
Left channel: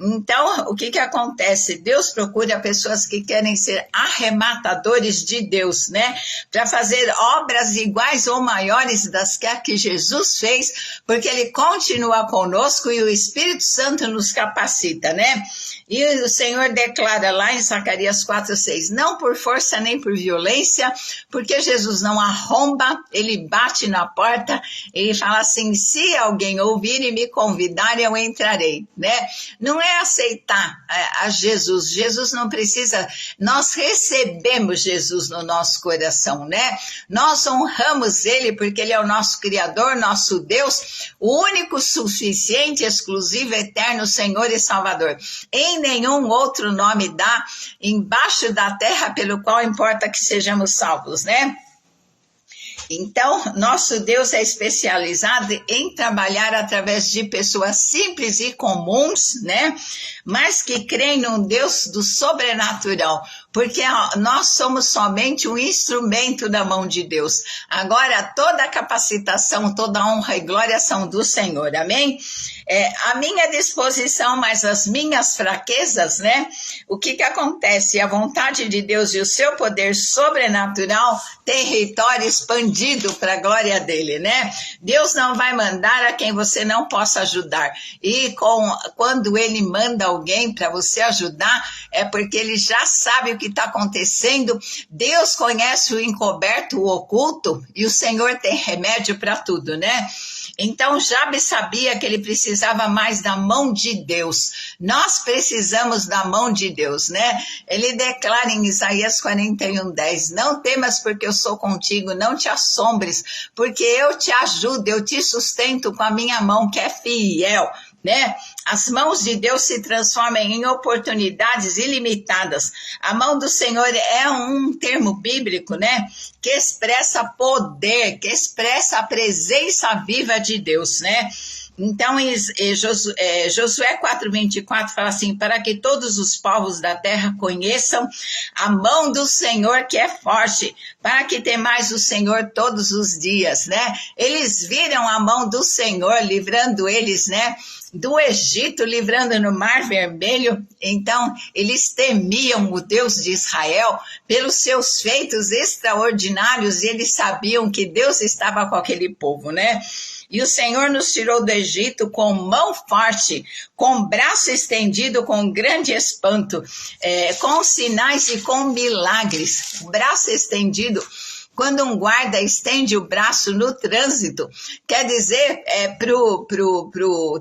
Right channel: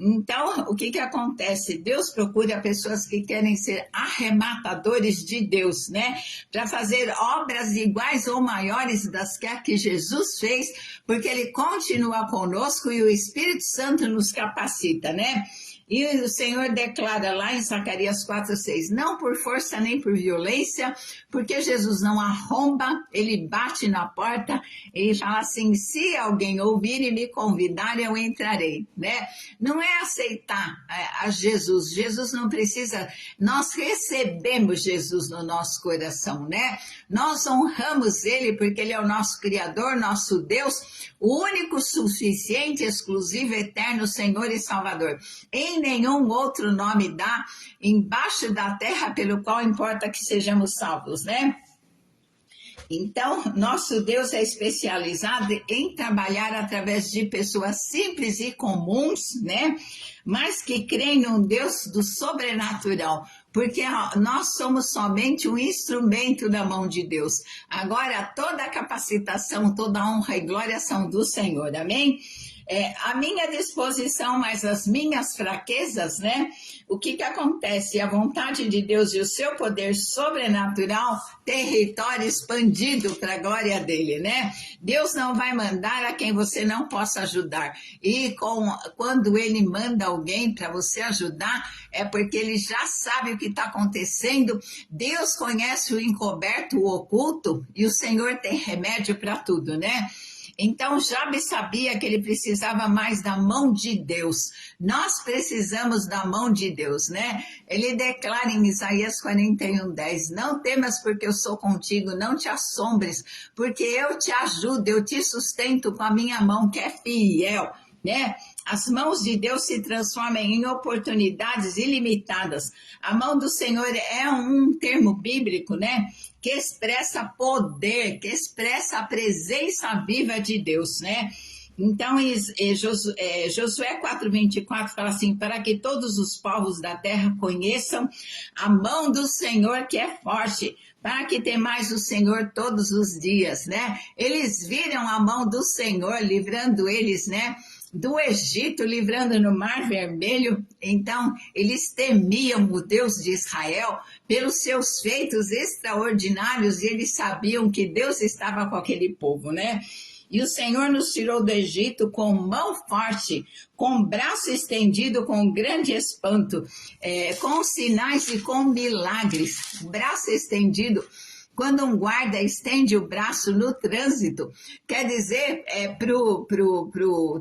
Então, o que acontece? Deus procura pessoas que querem ser arrematadores de Deus, né? Para fazer obras iguais ou maiores das que Jesus fez, porque Ele continua conosco e o Espírito Santo nos capacita, né? E o Senhor declara lá em Zacarias 4:6, não por força nem por violência, porque Jesus não arromba, Ele bate na porta e fala assim, se alguém ouvir e me convidar, eu entrarei, né? Não é aceitar a Jesus, Jesus não precisa, nós recebemos Jesus no nosso coração, né? Nós honramos Ele porque Ele é o nosso Criador, nosso Deus, o único, suficiente, exclusivo, eterno, Senhor e Salvador. Em nenhum outro nome dá embaixo da terra pelo qual importa que sejamos salvos, né? Então, nosso Deus é especializado em trabalhar através de pessoas simples e comuns, né? Mas que creem num Deus do sobrenatural, porque nós somos somente um instrumento da mão de Deus. Agora, toda a capacitação, toda a honra e glória são do Senhor, amém? A minha disposição, mas as minhas fraquezas, né? O que acontece? A vontade de Deus e o seu poder sobrenatural, território expandido para a glória dele, né? Deus não vai mandar a quem você não possa ajudar. E quando ele manda alguém para você ajudar, é porque ele já sabe o que está acontecendo. Deus conhece o encoberto, o oculto, e o Senhor tem remédio para tudo, né? Então, Jabes sabia que ele precisava mais da mão de Deus. Nós precisamos da mão de Deus, né? Ele declara em Isaías 41:10, não temas porque eu sou contigo, não te assombres, porque eu te ajudo, eu te sustento com a minha mão que é fiel, né? As mãos de Deus se transformam em oportunidades ilimitadas. A mão do Senhor é um termo bíblico, né? Que expressa poder, que expressa a presença viva de Deus, né? Então, Josué 4:24 fala assim, para que todos os povos da terra conheçam a mão do Senhor que é forte, para que temais o Senhor todos os dias, né? Eles viram a mão do Senhor livrando eles, né? Do Egito, livrando no Mar Vermelho. Então, eles temiam o Deus de Israel pelos seus feitos extraordinários e eles sabiam que Deus estava com aquele povo, né? E o Senhor nos tirou do Egito com mão forte, com braço estendido, com grande espanto, com sinais e com milagres. Braço estendido. Quando um guarda estende o braço no trânsito, quer dizer pro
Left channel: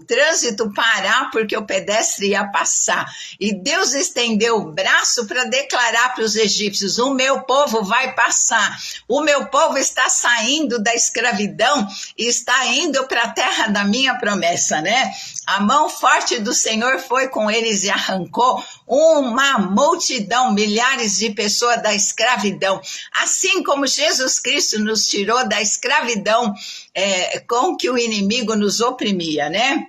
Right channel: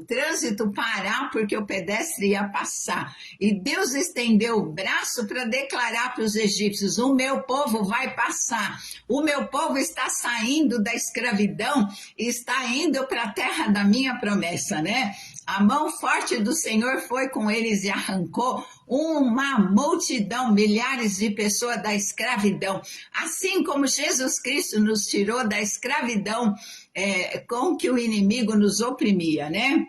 trânsito parar porque o pedestre ia passar. E Deus estendeu o braço para declarar para os egípcios, o meu povo vai passar, o meu povo está saindo da escravidão e está indo para a terra da minha promessa, né? A mão forte do Senhor foi com eles e arrancou uma multidão, milhares de pessoas da escravidão. Assim como Jesus Cristo nos tirou da escravidão com que o inimigo nos oprimia, né?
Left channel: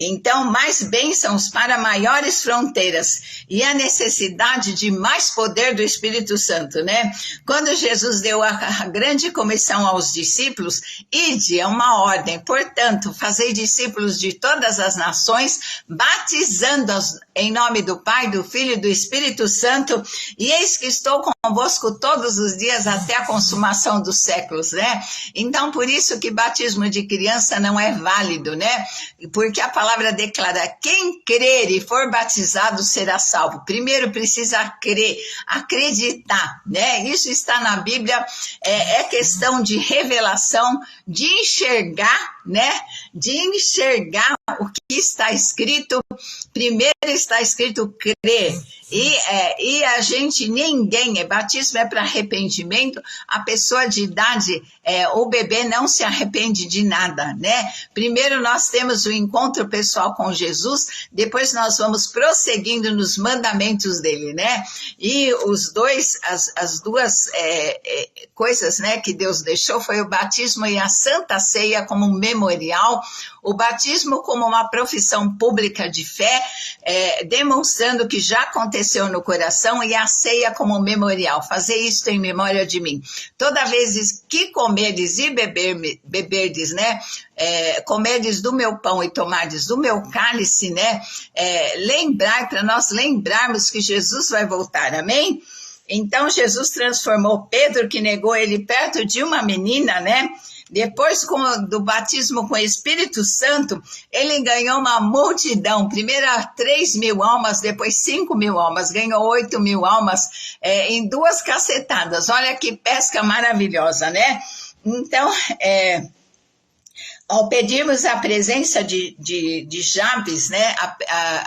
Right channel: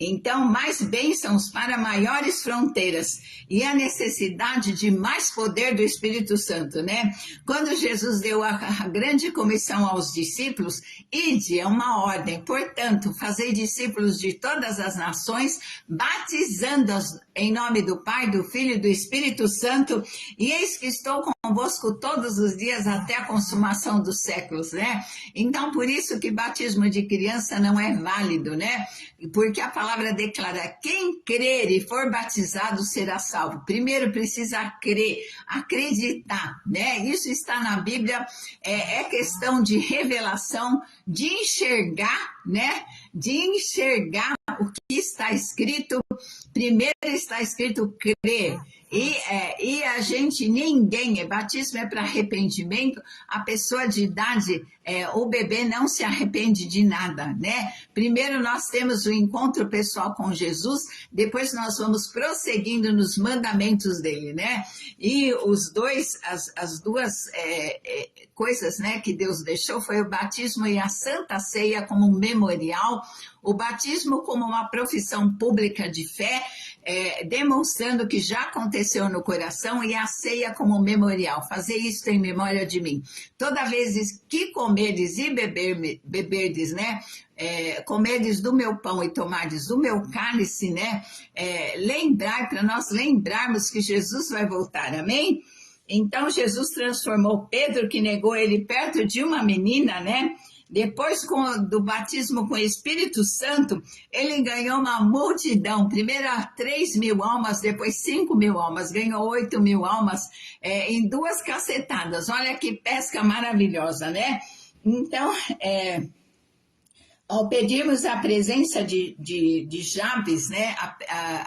Então, mais bênçãos para maiores fronteiras e a necessidade de mais poder do Espírito Santo, né? Quando Jesus deu a grande comissão aos discípulos, ide é uma ordem, portanto, fazei discípulos de todas as nações, batizando-os em nome do Pai, do Filho e do Espírito Santo, e eis que estou convosco todos os dias até a consumação dos séculos, né? Então, por isso que batismo de criança não é válido, né? Porque porque a palavra declara: quem crer e for batizado será salvo. Primeiro precisa crer, acreditar, né? Isso está na Bíblia, é questão de revelação, de enxergar, né? De enxergar o que está escrito. Primeiro está escrito crer. E a gente, ninguém, batismo é para arrependimento, a pessoa de idade, o bebê não se arrepende de nada, né? Primeiro nós temos o encontro pessoal com Jesus, depois nós vamos prosseguindo nos mandamentos dele, né? E as duas coisas, né, que Deus deixou foi o batismo e a Santa Ceia como memorial, o batismo como uma profissão pública de fé, demonstrando que já aconteceu no coração, e a ceia como memorial, fazer isso em memória de mim. Toda vez que comerdes e beberdes, né, comerdes do meu pão e tomardes do meu cálice, né, lembrar, para nós lembrarmos que Jesus vai voltar, amém? Então Jesus transformou Pedro, que negou ele, perto de uma menina, né? Depois do batismo com o Espírito Santo, ele ganhou uma multidão. Primeiro 3.000 almas, depois 5.000 almas. Ganhou 8.000 almas em 2 cacetadas. Olha que pesca maravilhosa, né? Então, ao pedirmos a presença de Jabes, né,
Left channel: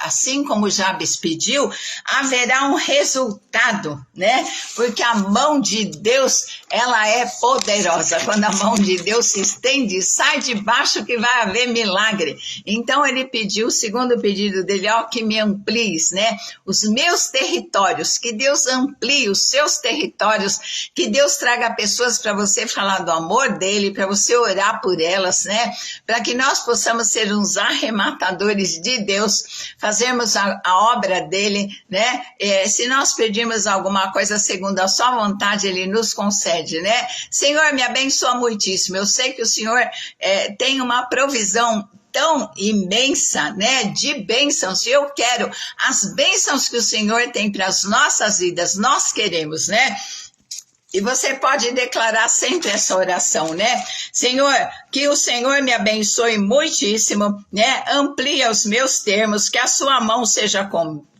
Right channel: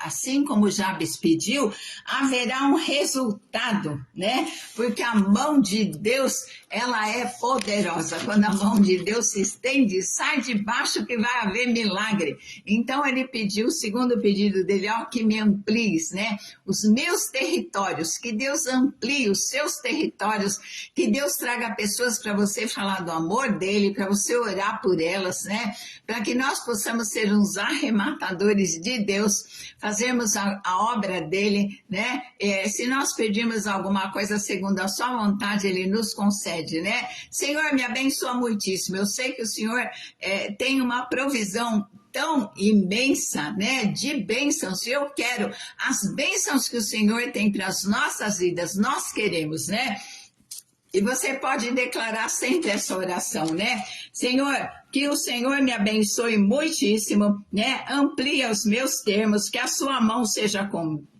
assim como Jabes pediu, haverá um resultado, né? Porque a mão de Deus, ela é poderosa. Quando a mão de Deus se estende, sai de baixo que vai haver milagre. Então ele pediu, o segundo pedido dele, que me amplies, né, os meus territórios, que Deus amplie os seus territórios, que Deus traga pessoas para você falar do amor dele, para você orar por elas, né? Para que nós possamos ser uns arrematadores de Deus, fazermos a obra dele, né? Se nós pedirmos alguma coisa segundo a sua vontade, ele nos concede, né? Senhor, me abençoa muitíssimo. Eu sei que o Senhor tem uma provisão tão imensa, né, de bênçãos. Eu quero as bênçãos que o Senhor tem para as nossas vidas, nós queremos, né? E você pode declarar sempre essa oração, né? Senhor, que o Senhor me abençoe muitíssimo, né? Amplia os meus termos, que a sua mão seja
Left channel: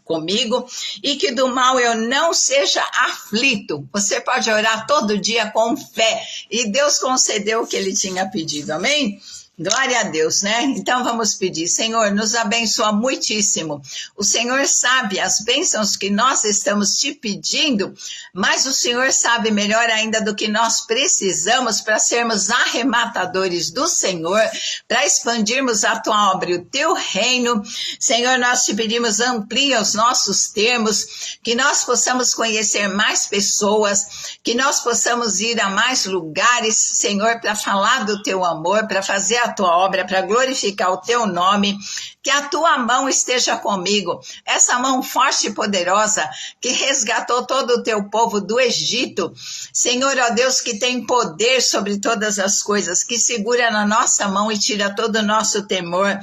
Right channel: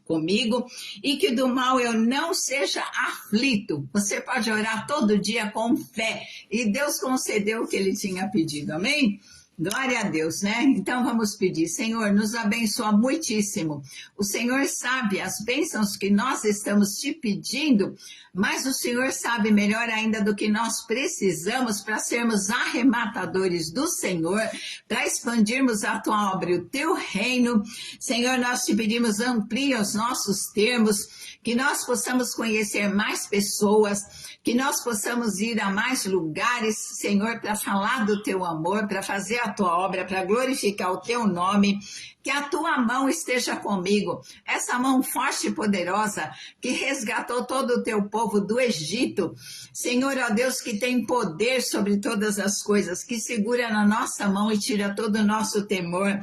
comigo e que do mal eu não seja aflito. Você pode orar todo dia com fé e Deus concedeu o que ele tinha pedido, amém? Glória a Deus, né? Então vamos pedir: Senhor, nos abençoa muitíssimo. O Senhor sabe as bênçãos que nós estamos te pedindo, mas o Senhor sabe melhor ainda do que nós precisamos para sermos arrematadores do Senhor, para expandirmos a tua obra e o teu reino. Senhor, nós te pedimos, amplia os nossos termos, que nós possamos conhecer mais pessoas, que nós possamos ir a mais lugares, Senhor, para falar do teu amor, para fazer a tua obra, para glorificar o teu nome. Que a tua mão esteja comigo, essa mão forte e poderosa que resgatou todo o teu povo do Egito. Senhor, ó Deus, que tem poder sobre todas as coisas, que segura na nossa mão e tira todo o nosso temor.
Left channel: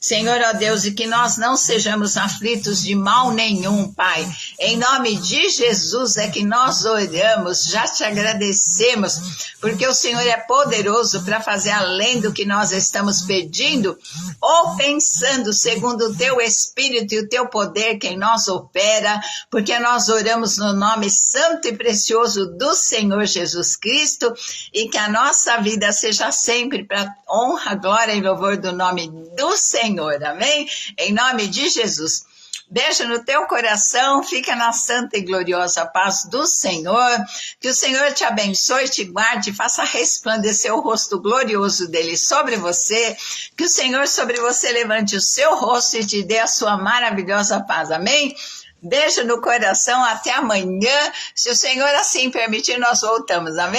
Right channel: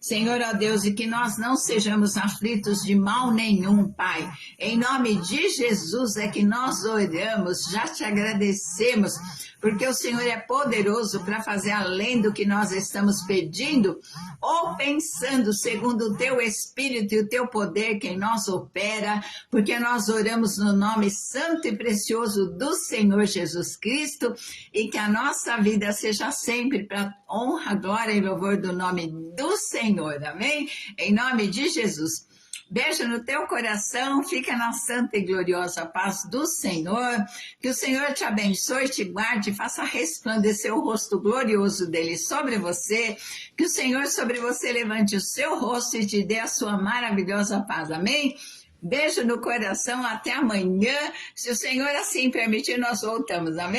Senhor, ó Deus, e que nós não sejamos aflitos de mal nenhum, Pai. Em nome de Jesus é que nós oramos, já te agradecemos, porque o Senhor é poderoso para fazer além do que nós estamos pedindo ou pensando, segundo o teu Espírito e o teu poder que em nós opera, porque nós oramos no nome santo e precioso do Senhor Jesus Cristo, e que a nossa vida seja sempre para honra, glória e louvor do nome do Senhor, amém? Em nome de Jesus. Beijo no teu coração, fica na santa e gloriosa paz do Senhor, que o Senhor te abençoe, te guarde, faça resplandecer o rosto glorioso dele sobre você, que o Senhor sobre você levante o seu rosto e te dê a sua maravilhosa paz, amém? Beijo no coração, até amanhã, se o Senhor assim permitir, nós voltamos, amém?